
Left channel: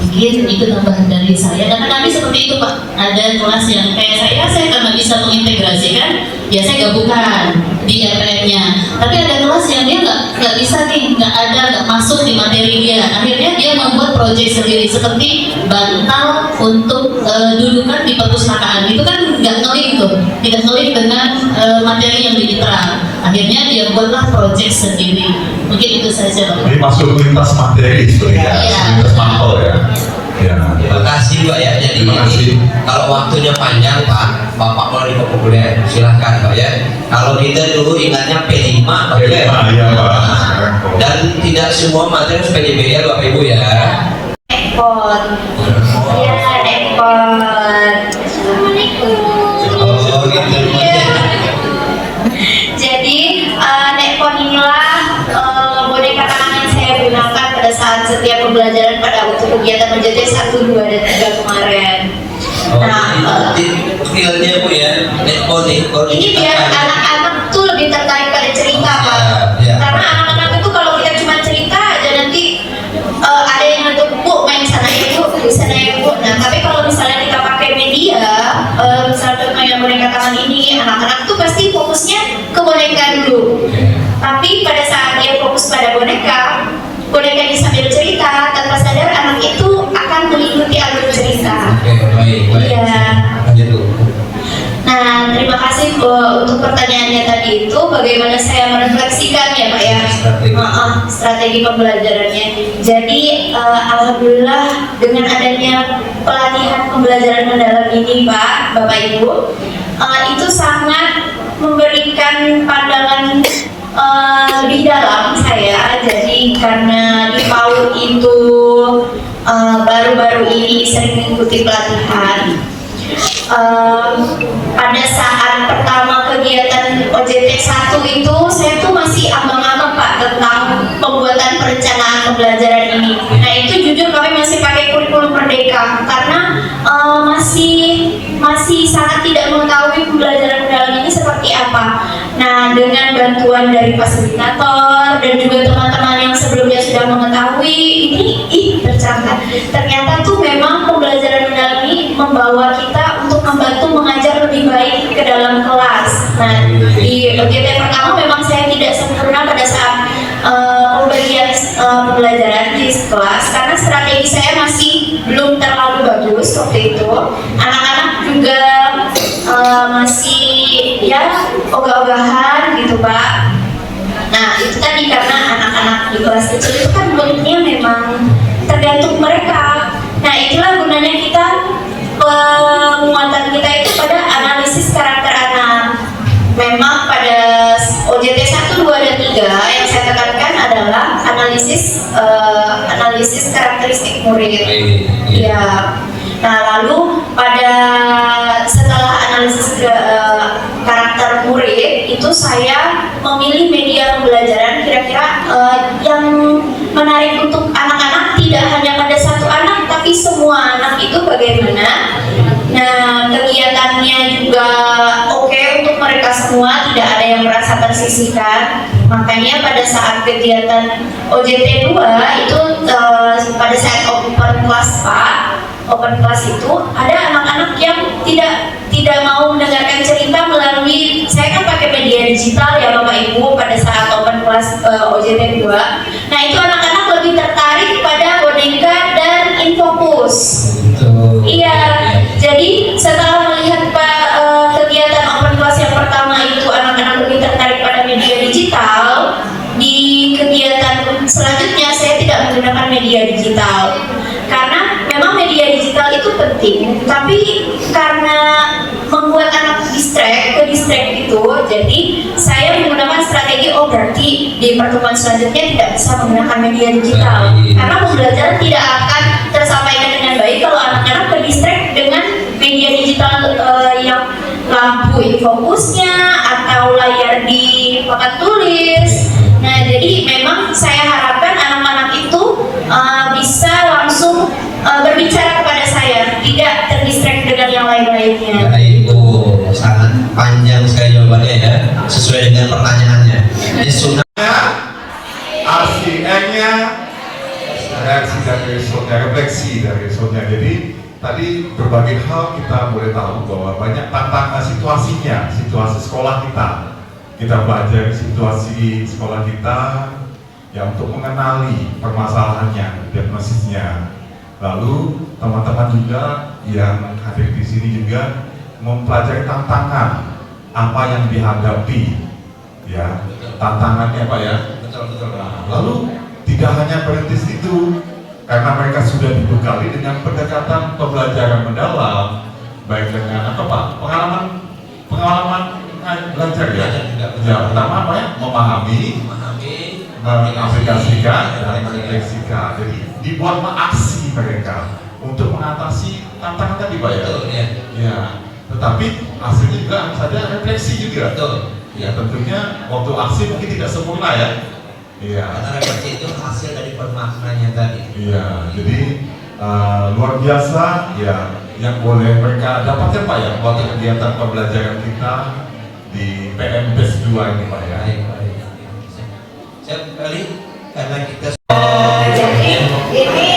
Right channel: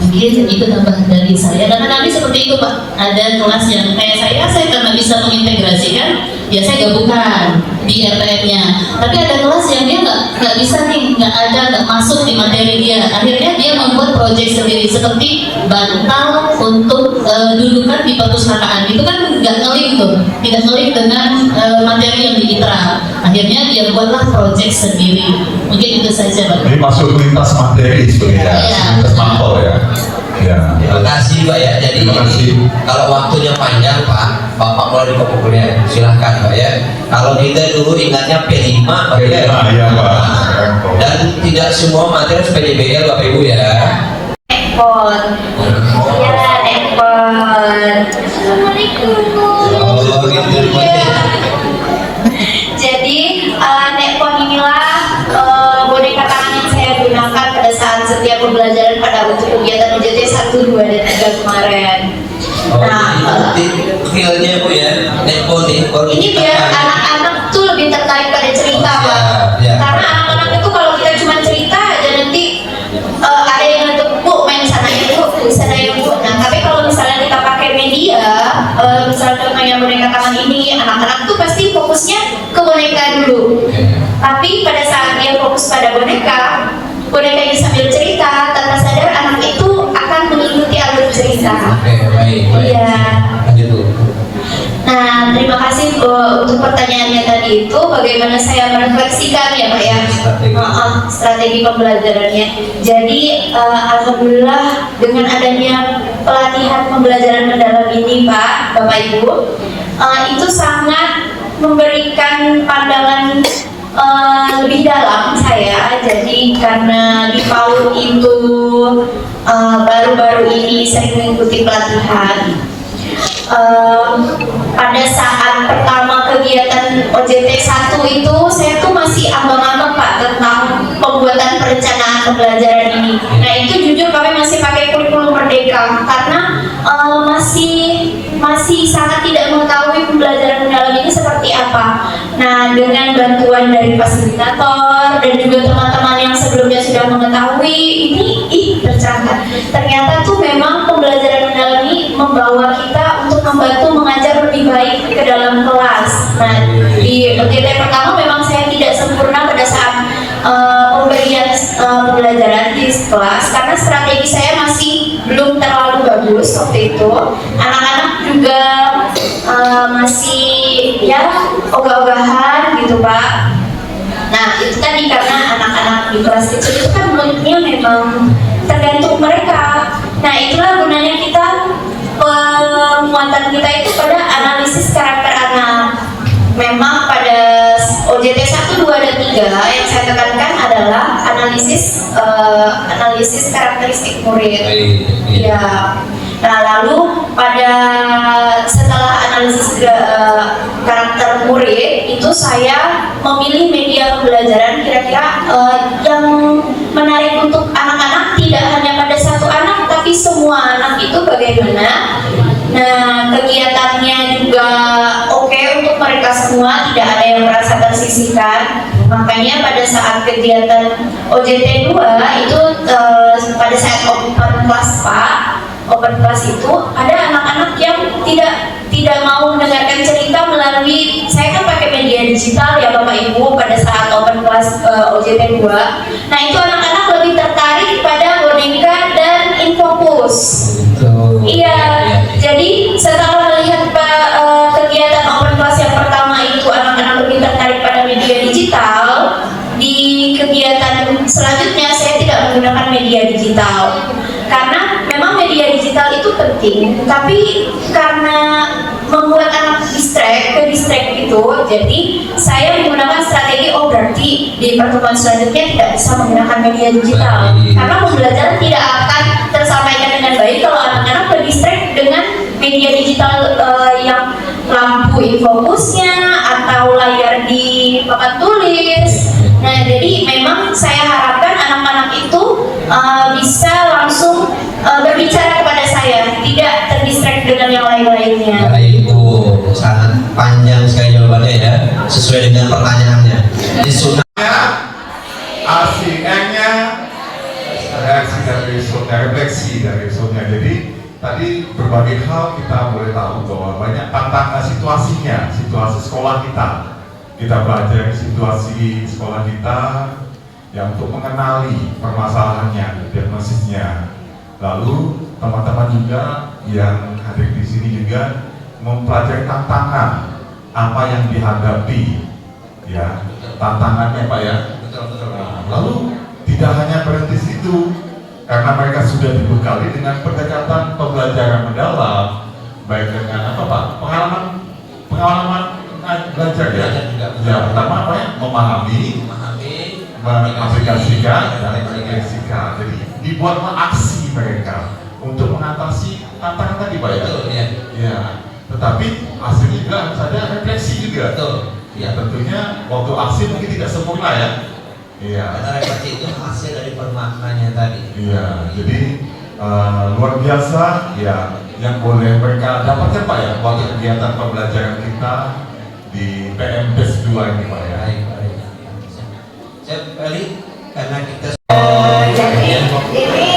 Mungkin itu tambahan dari saya. Dan kami seperti itu Pak, ada kelas yang kayak saya karena bisa mengintegrasikan, ya saya gabungkan di RPN-nya. Tapi ada kelas yang dia nggak bisa nih, nggak masuk di materi dia. Akhirnya dia membuat proyek sendiri seperti bantal untuk dudukan di perpustakaan. Itu kan nggak ngeling tuh, tidak ngeling dengan materi yang diterap. Akhirnya dia buatlah proyek sendiri. Mungkin itu saja Pak. Jadi masuk lintas materi sebenarnya, lintas mapel ya. Ya. Terima kasih Pak ya. Jadi ini kalau waktunya panjang Pak, Bapak mulai di populer, silahkan Pak ya. Kalau kita dulu ingatnya P5 Pak ya. Iya Pak. Dan tidak semua materi harus PJBL Bapak Ibu ya. Ekpon. Ya, ekpon. Assalamualaikum. Oh gitu. Jadi nekpon inilah boneka tangan yang saya gunakan pada saat setiap pembelajaran pada untuk kegiatan OJT 1, 2, dan 3 kemarin. Nah, Filenya Bu ya, netball nih. ini biar anak-anak tuh lebih tertarik pada cerita Pak. Karena anak-anak itu kalau kita cuma cerita aja nanti ada yang ngantuk, Bu main sana ya Bu, di sana ya Bu. Nah tapi kalau misalnya kita pakai media, misalnya main boneka tangan ini, anak-anak tuh pasti fokusnya ke boneka dulu. Tapi pada saat dia fokus pada boneka ini sambil cerita, tanpa sadar anak itu akan mengikuti alur cerita. Baik. Iya. Nah, terima kasih untuk pertanyaannya tadi itu, bagaimana saya merefleksikan ya Pak ya strategi pembelajarannya. Jadi alhamdulillah dengan adanya pelatihan pembelajaran mendalam ini Pak, Bapak Ibu, itu sangat memberikan pandangan lebih dalam saya. Jadi karena di PAUD itu baru-baru ini sering mengikuti pelatihan. Pada saat pertama kegiatan OJT 1 itu saya tuh masih abang-abang Pak tentang pembuatan perencanaan pembelajaran ini. Nah itu jujur kami masih pakai kurikulum Merdeka karena masih sangat tidak mengetahui pembelajaran mendalam ini seperti apa. Nah dengan bantuan dari fasilitator dan juga teman-teman yang sebelumnya sudah mengetahui ini tercerahkan. Ternyata tuh memang pembelajaran mendalam ini membawa kita untuk membantu mengajar lebih baik ke dalam kelas. Nah di OJT pertama memang saya tidak sempurna pada saat pemberian pembelajaran di kelas karena strategi saya masih belum terlalu bagus waktu itu. Anak-anak juga masih ya ogah-ogahan gitu Pak. Nah itu tadi karena anak-anak di kelas kecil itu kan moodnya memang tergantung mereka. Nah itulah gunanya kita, penguatan kita itu pada analisis karakter anak. Memang pada OJT 1, 2, dan 3 yang saya tekankan adalah analisis karakteristik murid. Ya. Nah lalu setelah analisis karakter murid itu saya memilih media pembelajaran kira-kira yang menarik untuk anak-anak, tidak hanya pada satu anak tapi semua itu bagaimana? Nah, kegiatannya juga oke untuk mereka semua, tidak ada yang merasa tersisihkan. Makanya pada saat kegiatan OJT 2 itu pada saat open class Pak, open class itu ada anak-anak yang tidak mau mendengarkan cerita melalui, saya kan pakai media digital ya Bapak Ibu pada saat open class OJT 2. Nah, itu anak-anak lebih tertarik pada boneka dan infokus. Iya, jadi setelah melihat kegiatan open class yang pertama itu anak-anak lebih tertarik pada media digital, di kegiatan selanjutnya saya tidak menggunakan media digital karena memang media digital itu penting, tapi karena membuat anak ke distract itu, jadi saya menggunakan strategi berarti di pertemuan selanjutnya tidak bisa menggunakan media digital karena pembelajaran tidak akan tersampaikan dengan baik kalau anak-anak ke distract dengan media digital yang lampu infokusnya atau layar di papan tulis. Nah, jadi memang saya harapkan anak-anak itu bisa langsung berbicara kepada saya, tidak terdistract dengan yang lain-lainnya. Baik Bu, sangat panjang sekali jawabannya ya, sesuai dengan pertanyaannya. Ini sudah ACM-nya refleksi dari Sonia. Jadi tadi berbagai hal kita boleh tahu bahwa banyak tantangan situasi sekolah kita. Kita belajar situasi sekolah kita yang untuk mengenali permasalahannya, diagnosisnya. Lalu teman-teman juga yang hadir di sini juga mempelajari tantangan apa yang dihadapi, ya tantangannya Pak ya. Nah, lalu tidak hanya berhenti situ, karena mereka sudah dibekali dengan pendekatan pembelajaran mendalam, baik dengan apa Pak, pengalaman belajar ya. Ya pertama apa ya, memahami, mengaplikasikan dan merefleksikan. Jadi dibuat aksi mereka untuk mengatasi tantangan tadi Pak ya. Ya. Tetapi hasilnya juga harus ada refleksi juga. Ya tentunya waktu aksi mungkin tidak sempurna ya. Iya. Karena refleksi itu hasil dari permaknanya tadi. Iya. Jadi luar biasa ya yang boleh mereka dapatkan Pak ya waktu kegiatan pembelajaran kita di PMPes 2 ini Pak ya. Baik. Saya kembali karena kita Jadi ini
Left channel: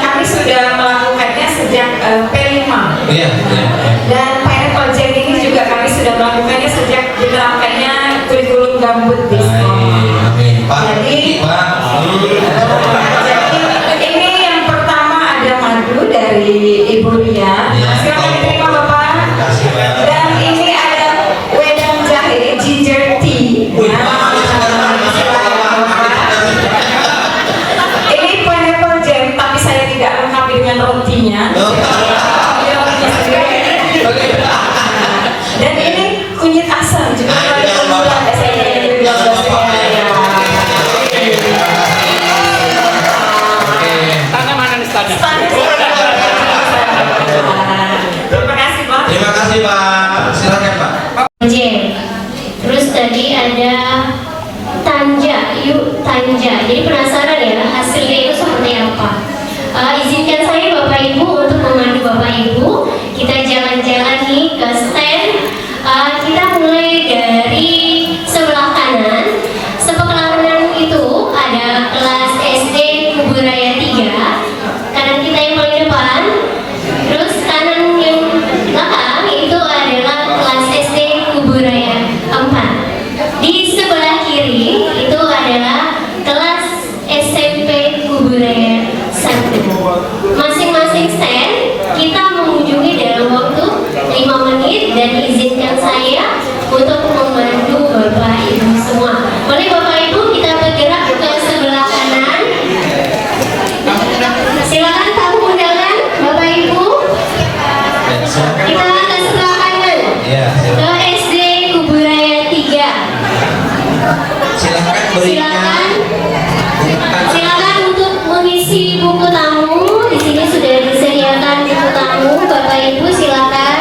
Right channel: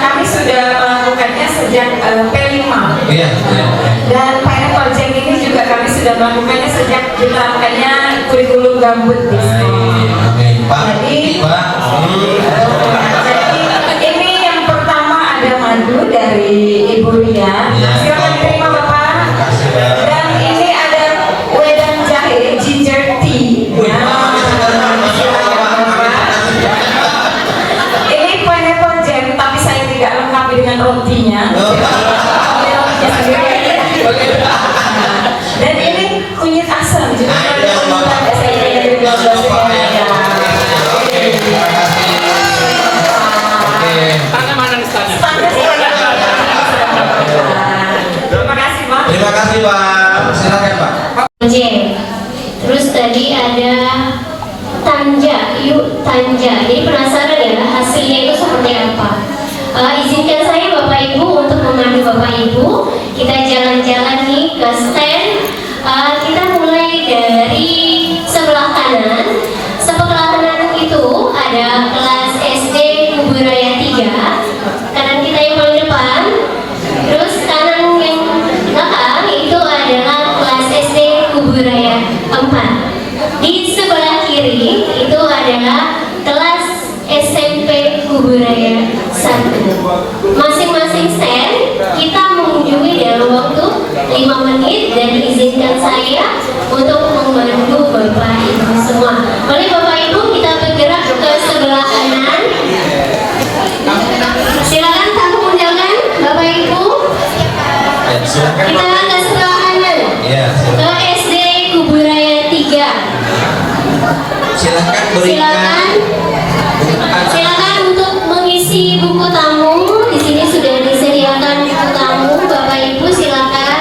kami sudah melakukannya sejak P5. Iya. Dan Pineapple Jam ini juga kami sudah melakukannya sejak diterapkannya kurikulum gambut di sekolah. Jadi ini yang pertama ada madu dari Ibu Lia. Silakan diterima Bapak. Dan ini ada wedang jahe ginger tea. Ini pineapple jam, tapi saya tidak lengkapi dengan rotinya. Dan ini kunyit asam juga. Tanya mana nih tanya? Terima kasih Pak. Terima kasih Pak. Silakan Pak. Terus tadi ada Tanja. Jadi penasaran ya hasilnya itu seperti apa? Izinkan saya Bapak Ibu untuk memandu Bapak Ibu. Kita jalan-jalan nih ke stand. Kita mulai dari sebelah kanan. Sebelah kanan itu ada kelas SD Kuburaya 3. Kanan kita yang paling depan. Terus kanan yang belakang itu adalah kelas SD Kuburaya 4. Di sebelah kiri itu adalah kelas SMP Kuburaya 1. Masing-masing stand kita mengunjungi dalam waktu 5 menit dan izinkan saya untuk membantu Bapak Ibu semua. Boleh Bapak Ibu kita bergerak ke sebelah kanan. Silakan tamu undangan Bapak Ibu. Kita ke sebelah kanan. Ke SD Kuburaya 3. Silakan untuk mengisi buku tamu. Di sini sudah disediakan buku tamu. Bapak Ibu silakan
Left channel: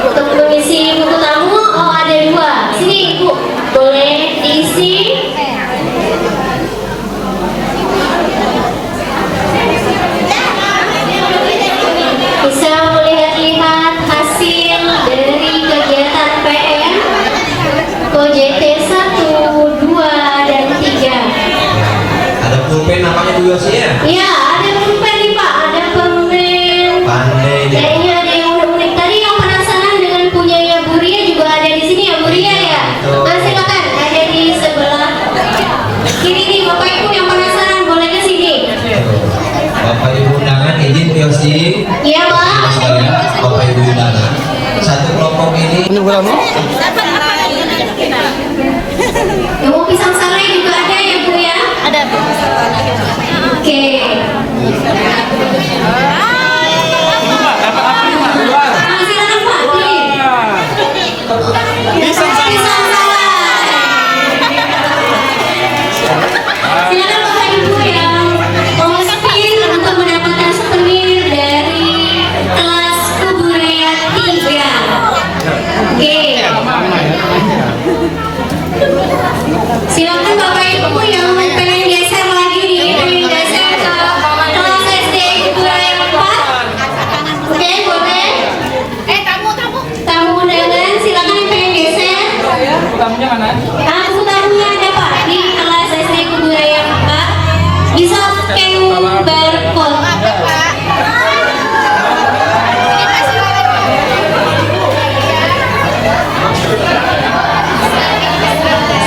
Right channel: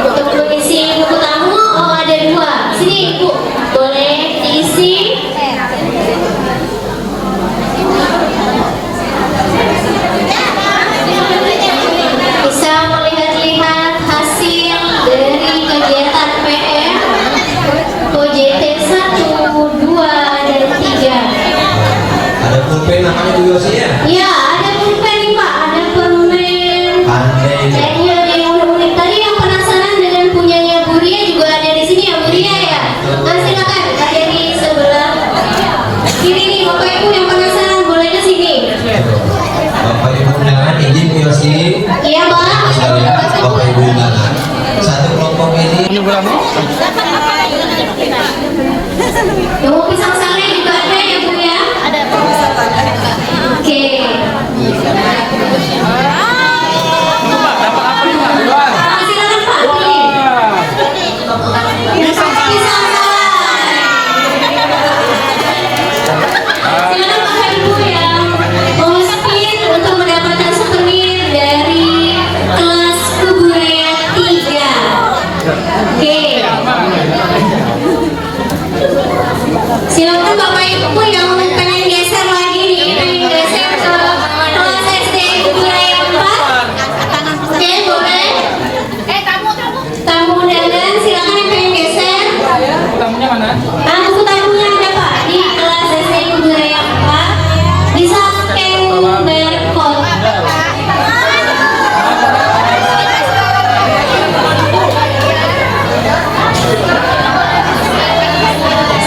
untuk mengisi buku tamu. Oh ada 2. Sini Ibu boleh diisi. Ibu Yosi ya? Iya, ada permen nih Pak, ada permen. Pandai. Kayaknya ada yang unik-unik. Tadi yang penasaran dengan punyanya Bu Ria juga ada di sini ya Bu Ria ya. Nah silakan, ada di sebelah kiri nih Bapak Ibu yang penasaran boleh ke sini. Bapak Ibu undangan izin Yosi. Iya Pak. Sekalian Bapak Ibu undangan. Satu kelompok ini. Yang mau pisang sari juga ada ya Bu ya? Ada. Oke. Silakan Bapak Ibu yang mau spin untuk mendapatkan souvenir dari kelas Kuburaya 3. Oke. Silakan Bapak Ibu yang pengen geser lagi nih, pengen geser ke kelas SD Kuburaya 4. Oke, boleh? Tamu undangan, silakan yang pengen geser. Tamunya ada Pak di kelas SD Kuburaya 4. Bisa scan barcode.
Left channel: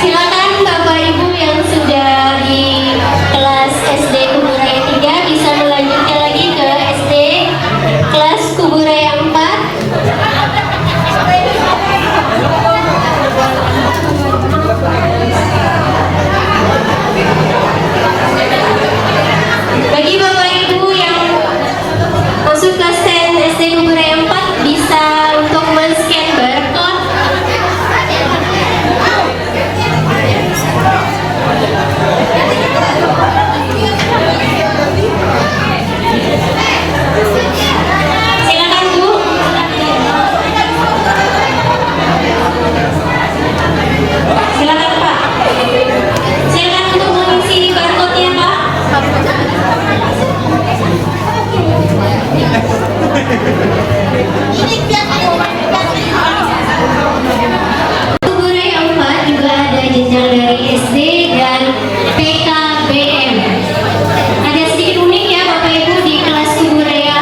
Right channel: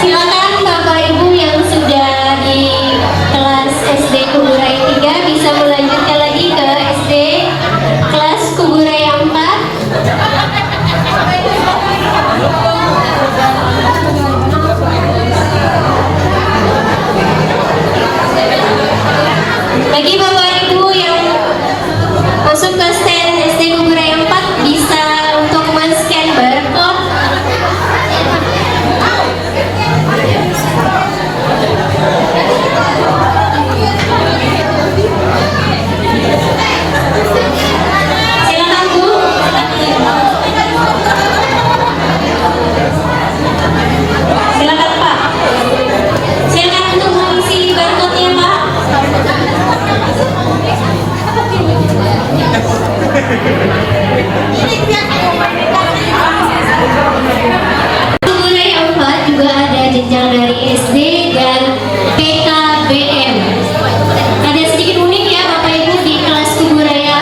Silakan Bapak Ibu yang sudah di kelas SD Kuburaya 3 bisa melanjutkan lagi ke SD kelas Kuburaya 4. Bagi Bapak Ibu yang masuk ke stand SD Kuburaya 4 bisa untuk men-scan barcode. Silakan Bu. Silakan Pak. Silakan untuk mengisi barcode-nya Pak. Kuburaya 4 juga ada jenjang dari SD dan PKBM. Ada sedikit unik ya Bapak Ibu di kelas Kuburaya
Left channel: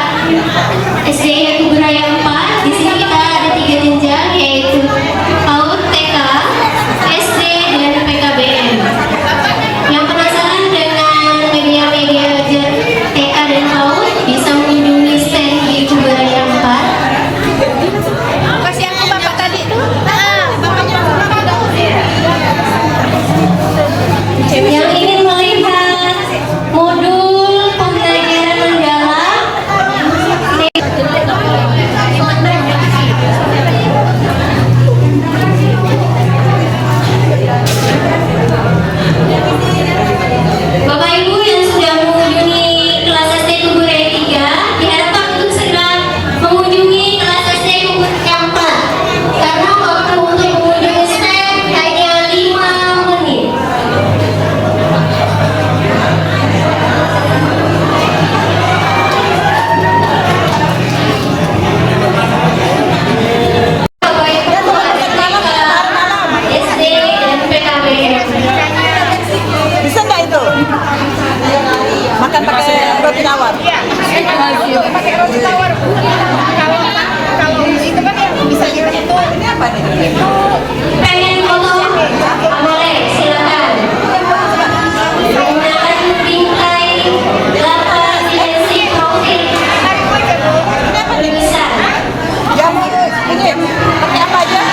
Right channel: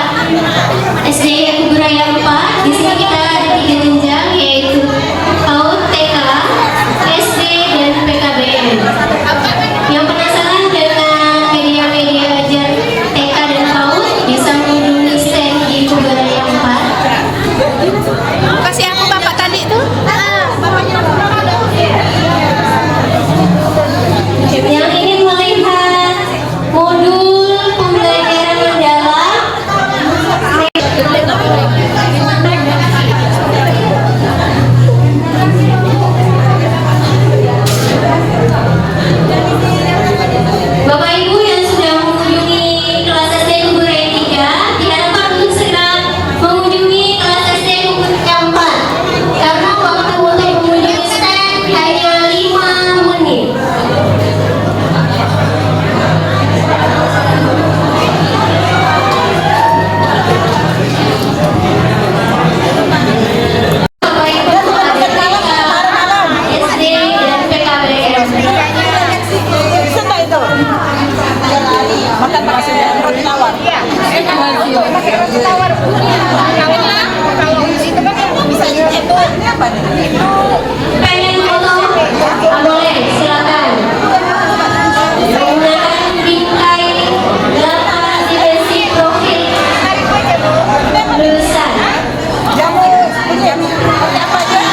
SD Kuburaya 4. Di sini kita ada 3 jenjang yaitu PAUD, TK, SD dan PKBM. Yang penasaran dengan media-media belajar TK dan PAUD bisa mengunjungi stand di Kuburaya 4. Yang ingin melihat modul pembelajaran mendalam Bapak Ibu yang sudah mengunjungi kelas SD Kuburaya 3 tidak lupa untuk segera mengunjungi kelas SD Kuburaya 4 karena waktu untuk mengunjungi stand hanya 5 menit. Bapak Ibu SD dan PKBM. Bisa nggak itu? Makan pakai roti tawar. Iya, emang untuk pakai roti tawar Bu. Kalau itu kan yang bisa itu Pengen foto? Boleh, silakan. Gunakan tintai data identitas profil lulusan. apa aja?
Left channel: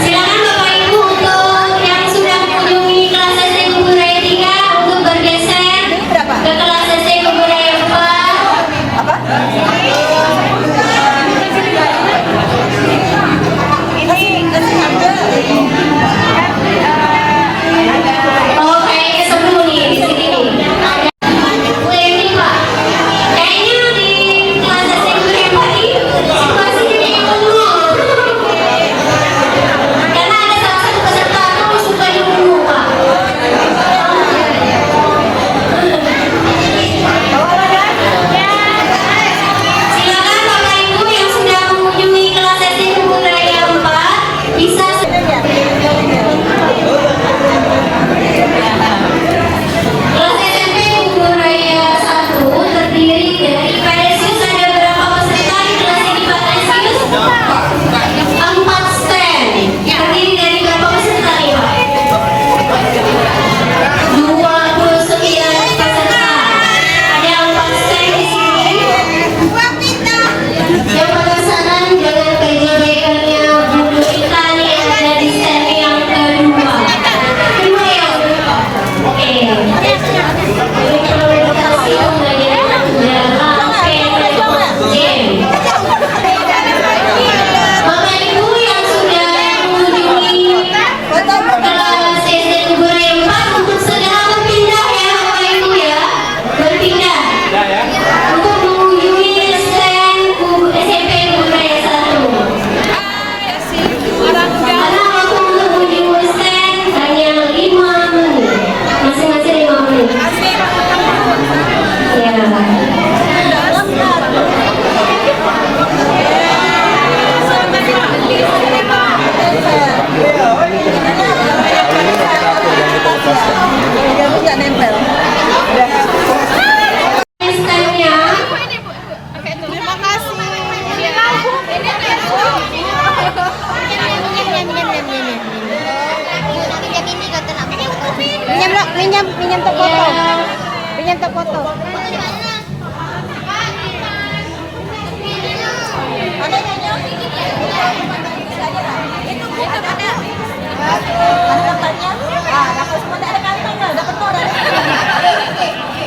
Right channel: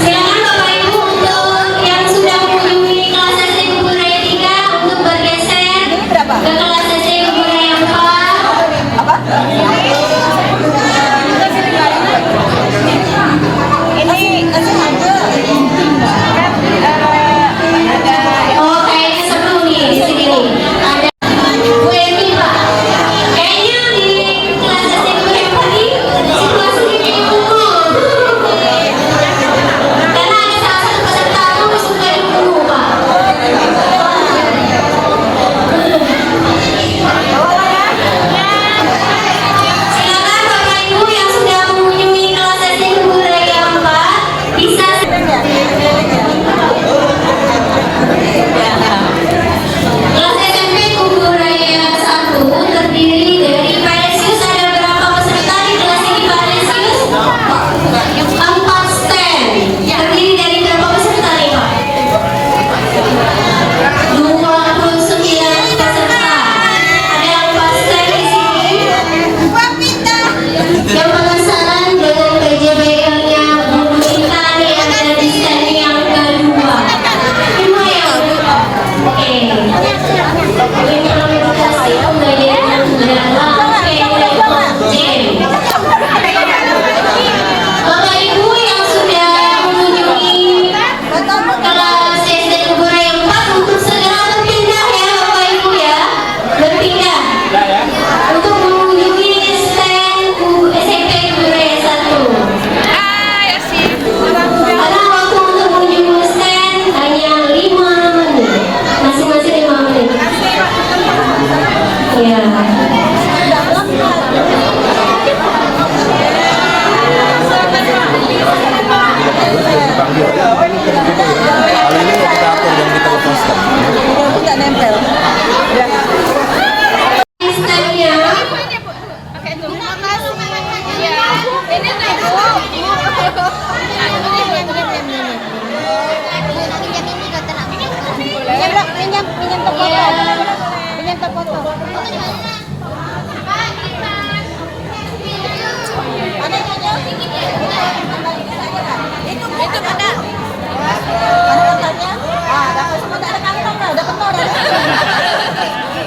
Silakan Bapak Ibu untuk yang sudah mengunjungi kelas SD Kuburaya 3 untuk bergeser ke kelas SD Kuburaya 4. Apa? Ini ada. Oh, kayaknya seru nih di sini nih. Ada Bu Emi Pak. Kayaknya di kelas SD Kuburaya 4 ini situasinya kayaknya penuh. Karena ada salah satu peserta aku suka dulu Pak. Bawa lah ya. kita foto. Ada nyonya? Itu mana? Ada katanya? Ah, dapat semua ada kantong, dapat no dari. Oke.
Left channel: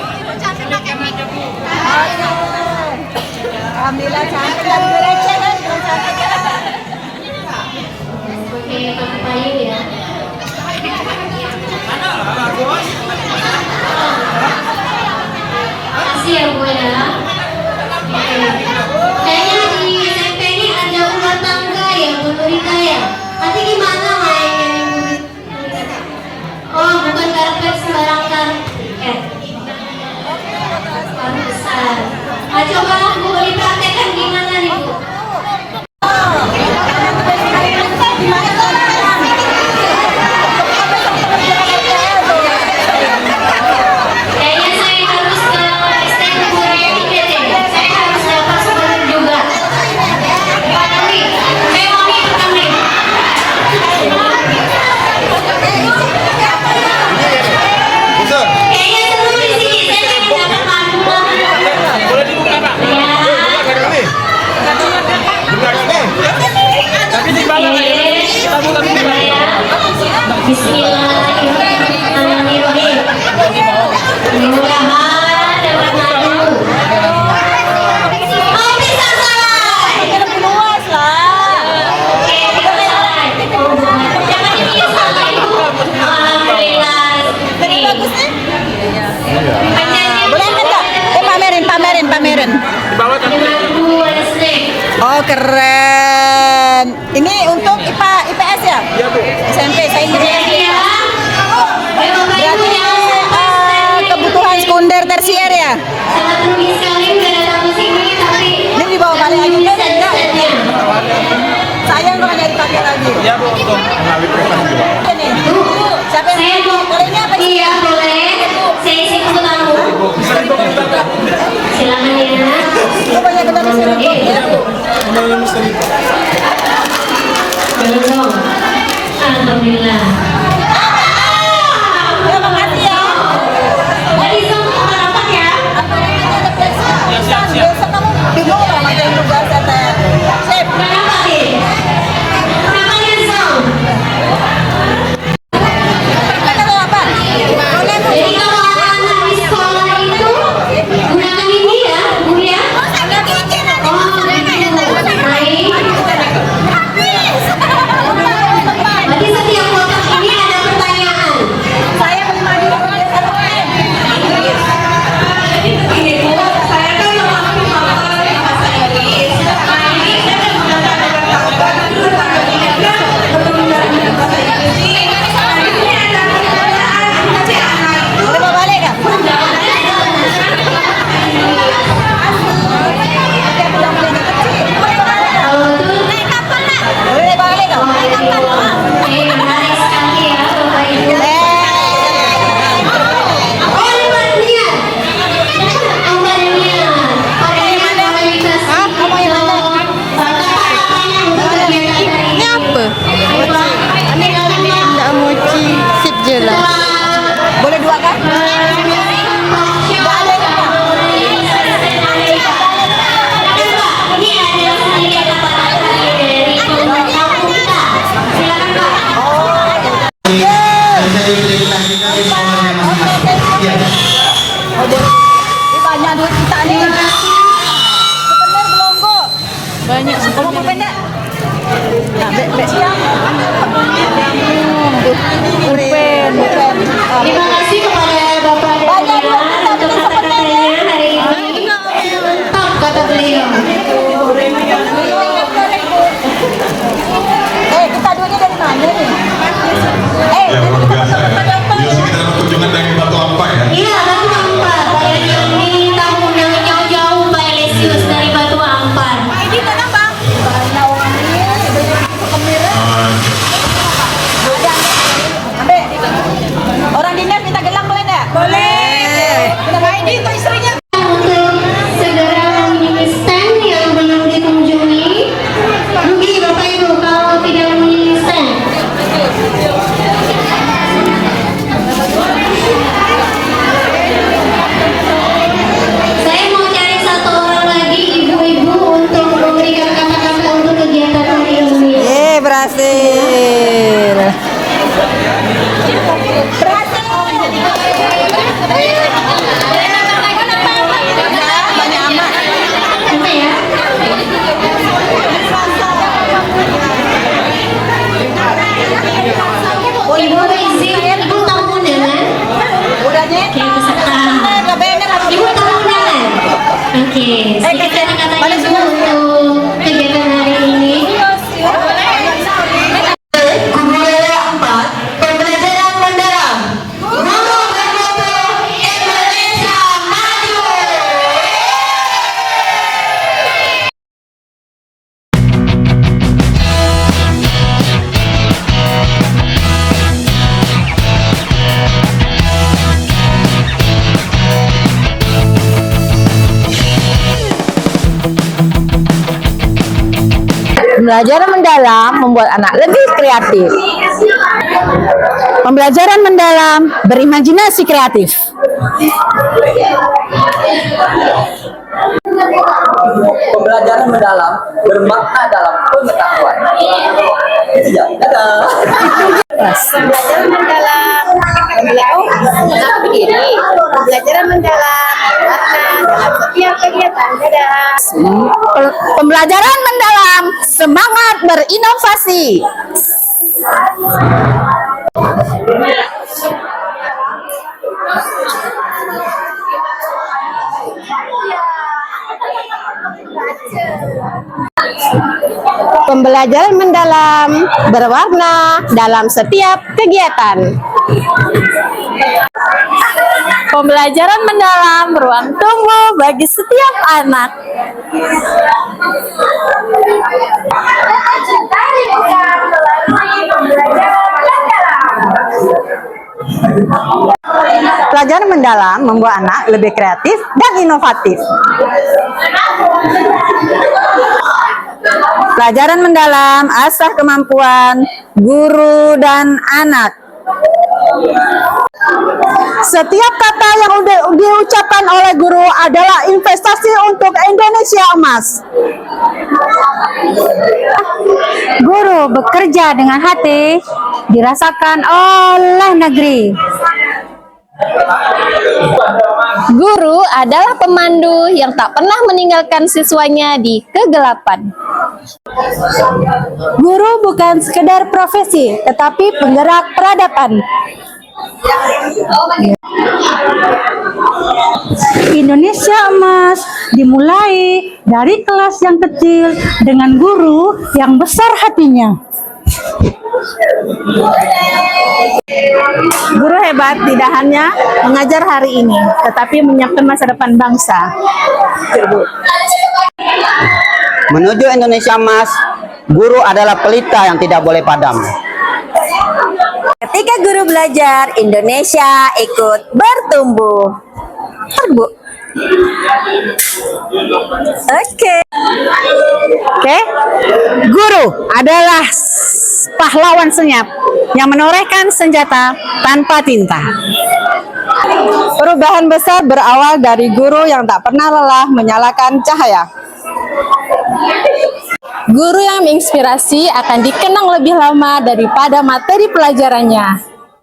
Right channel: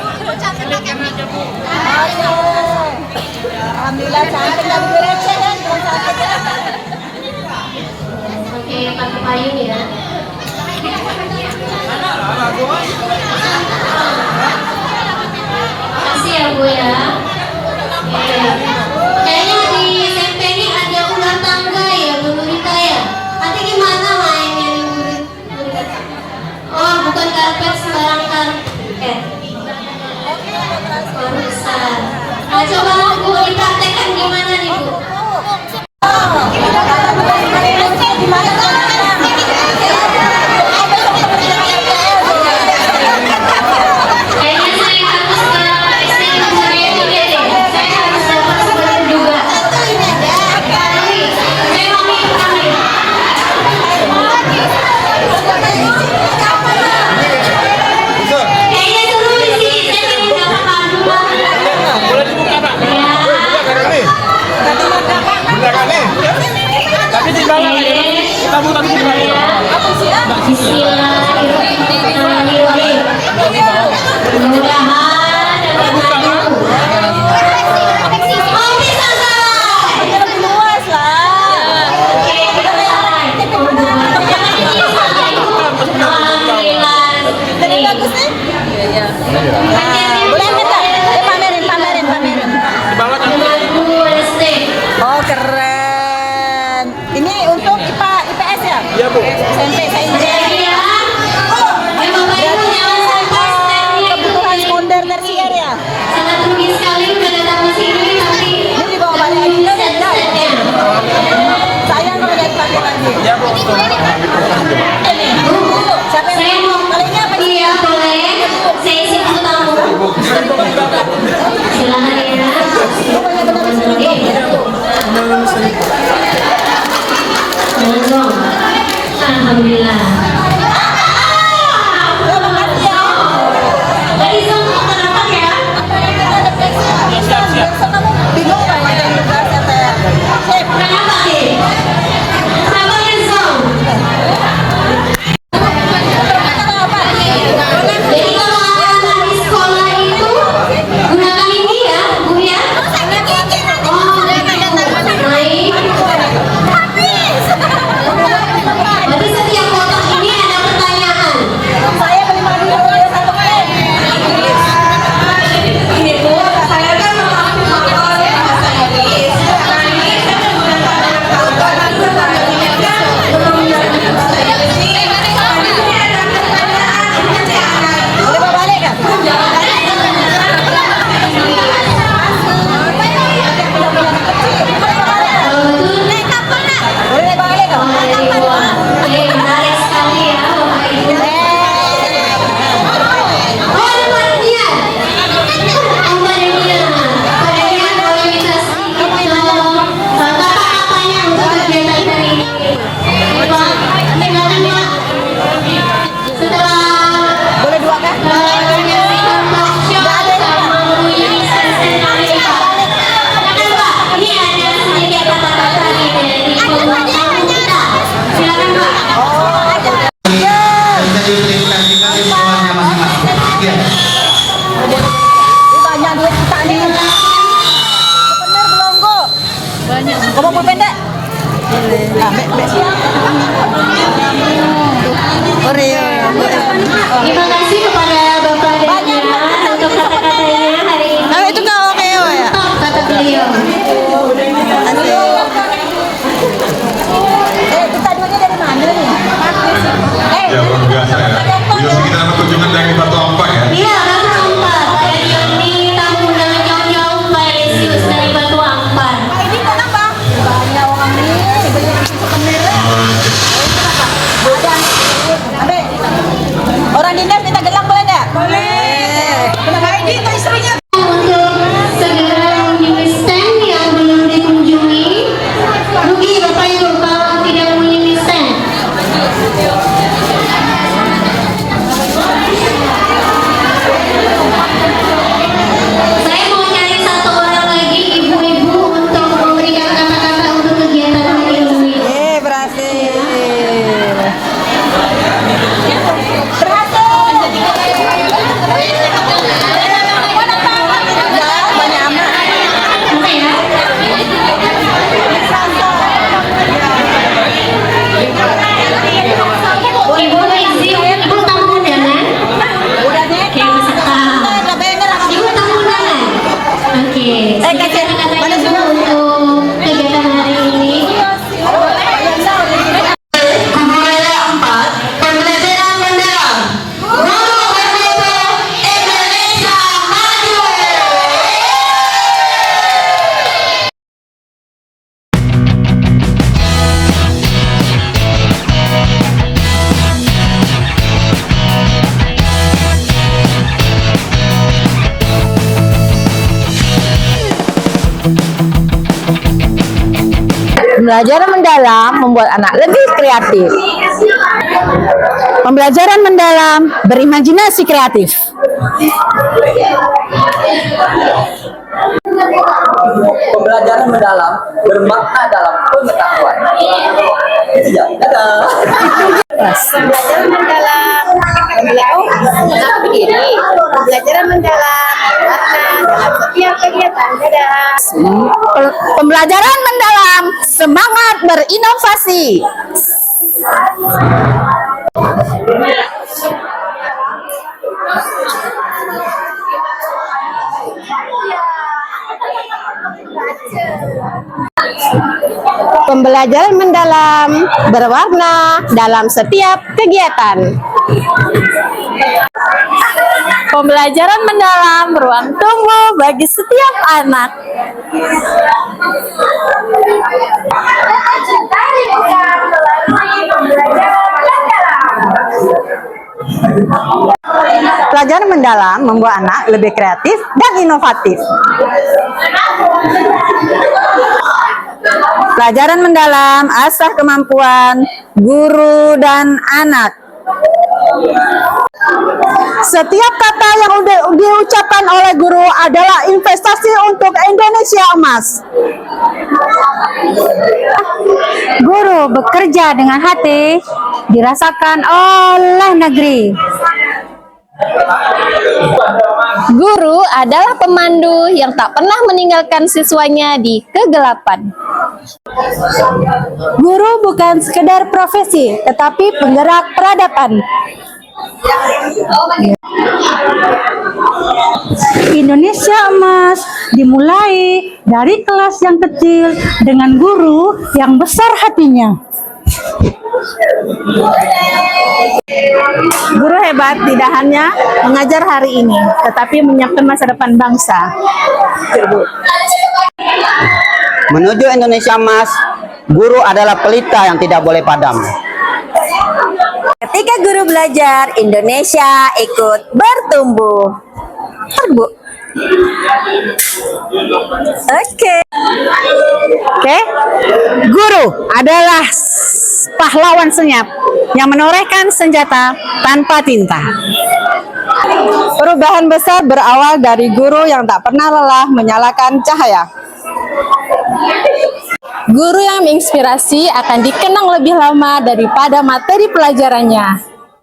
Alhamdulillah cantik dari gereja kan, cantik ya. Oke, pakai payung ya. Makasih ya Bu ya. Kayaknya di SMP ini ada ular tangga ya Bu Nurita ya. Nanti gimana mainnya nih Bu? Oh, bukan karpet sembarang karpet. Baru besar. Nah, coba Bu dipraktekkan gimana nih Bu? Kayaknya saya harus ke STM Bureau deh. Saya harus dapat sumber juga. Tapi saya mau nih pertama nih. Kayaknya seru di sini. Saya pengen dapat panduan. Boleh dibuka Pak? Tapi di bawah kita buka dulu ya. Bismillahirrahmanirrahim. Mudah-mudahan dapat maju. Oh, bisa selesai. Lebih luas lah. Oke, bisa selesai. Jangan ini salah itu. Alhamdulillah. Jadi bagus nih? Boleh enggak? Pamerin. Di bawah kan Bu SD. Oh, keren. Ini untuk IPA IPS ya? Iya Bu. SMP saya Jadi ya, Bapak Ibu jangan sampai standnya kebutuhan sekunder tersier ya? sangat rugi sekali nggak datang ke sini, tapi Ini di bawah balik lagi kan? set-setnya. Saya mau ada dipakai lagi. Iya Bu untuk mengambil program. Ini. Siapa yang Saya mau? mau, Kali ini apa sih? iya boleh, saya isi dulu tamu. Silakan ya. Itu banyak benar Jangan dong. Alhamdulillah. Ya, makasih ya. Tadi semua kenapa ya? Apa yang kita ada fleksi? Besok kamu bingung nggak ngerjain tugas kata Chef? Kenapa sih? Kenapa nyesel? Jadi kalau anak-anak di sekolah itu gunakan ini ya, Bu ya. Oh, baik. Berarti setiap kotak ini kata-katanya untuk kegiatan hari ini. Budaya 4, pembelajaran mendalam. Guru bermutu Indonesia maju. Pembelajaran mendalam membuat anak lebih kreatif. Pembelajaran mendalam berimajinasi kreatif. Pembelajaran mendalam bermakna dalam pengetahuan. Iya, dadah. Pembelajaran mendalam pembelajaran mendalam bermakna dalam setiap kegiatan. Dadah. Pembelajaran mendalam semangat berinovasi. Pembelajaran mendalam berwarna dalam setiap kegiatan. Pembelajaran mendalam ruang tunggu bagi setiap anak. Pelajaran mendalam membuat anak lebih kreatif dan inovatif. Pelajaran mendalam asah kemampuan guru dan anak. Setiap kata yang diucapkan oleh guru adalah investasi untuk Indonesia emas. Guru bekerja dengan hati, dirasakan oleh negeri. Guru adalah pemandu yang tak pernah meninggalkan siswanya di kegelapan. Guru bukan sekedar profesi, tetapi penggerak peradaban. Indonesia emas dimulai dari kelas yang kecil dengan guru yang besar hatinya. Guru hebat tidak hanya mengajar hari ini, tetapi menyiapkan masa depan bangsa. Menuju Indonesia emas, guru adalah pelita yang tidak boleh padam. Ketika guru belajar, Indonesia ikut bertumbuh. Bu. Oke. Guru adalah pahlawan senyap yang menorehkan senjata tanpa tinta. Perubahan besar berawal dari guru yang tak pernah lelah menyalakan cahaya. Guru yang menginspirasi akan dikenang lebih lama daripada materi pelajarannya.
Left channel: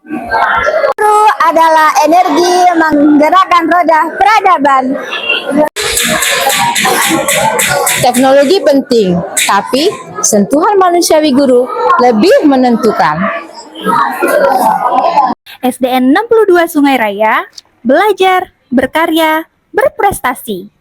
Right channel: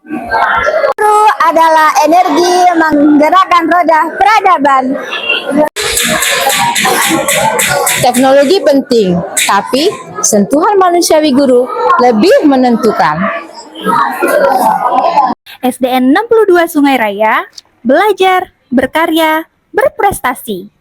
Guru adalah energi yang menggerakkan roda peradaban. Teknologi penting, tapi sentuhan manusiawi guru lebih menentukan. SDN 62 Sungai Raya, belajar, berkarya, berprestasi.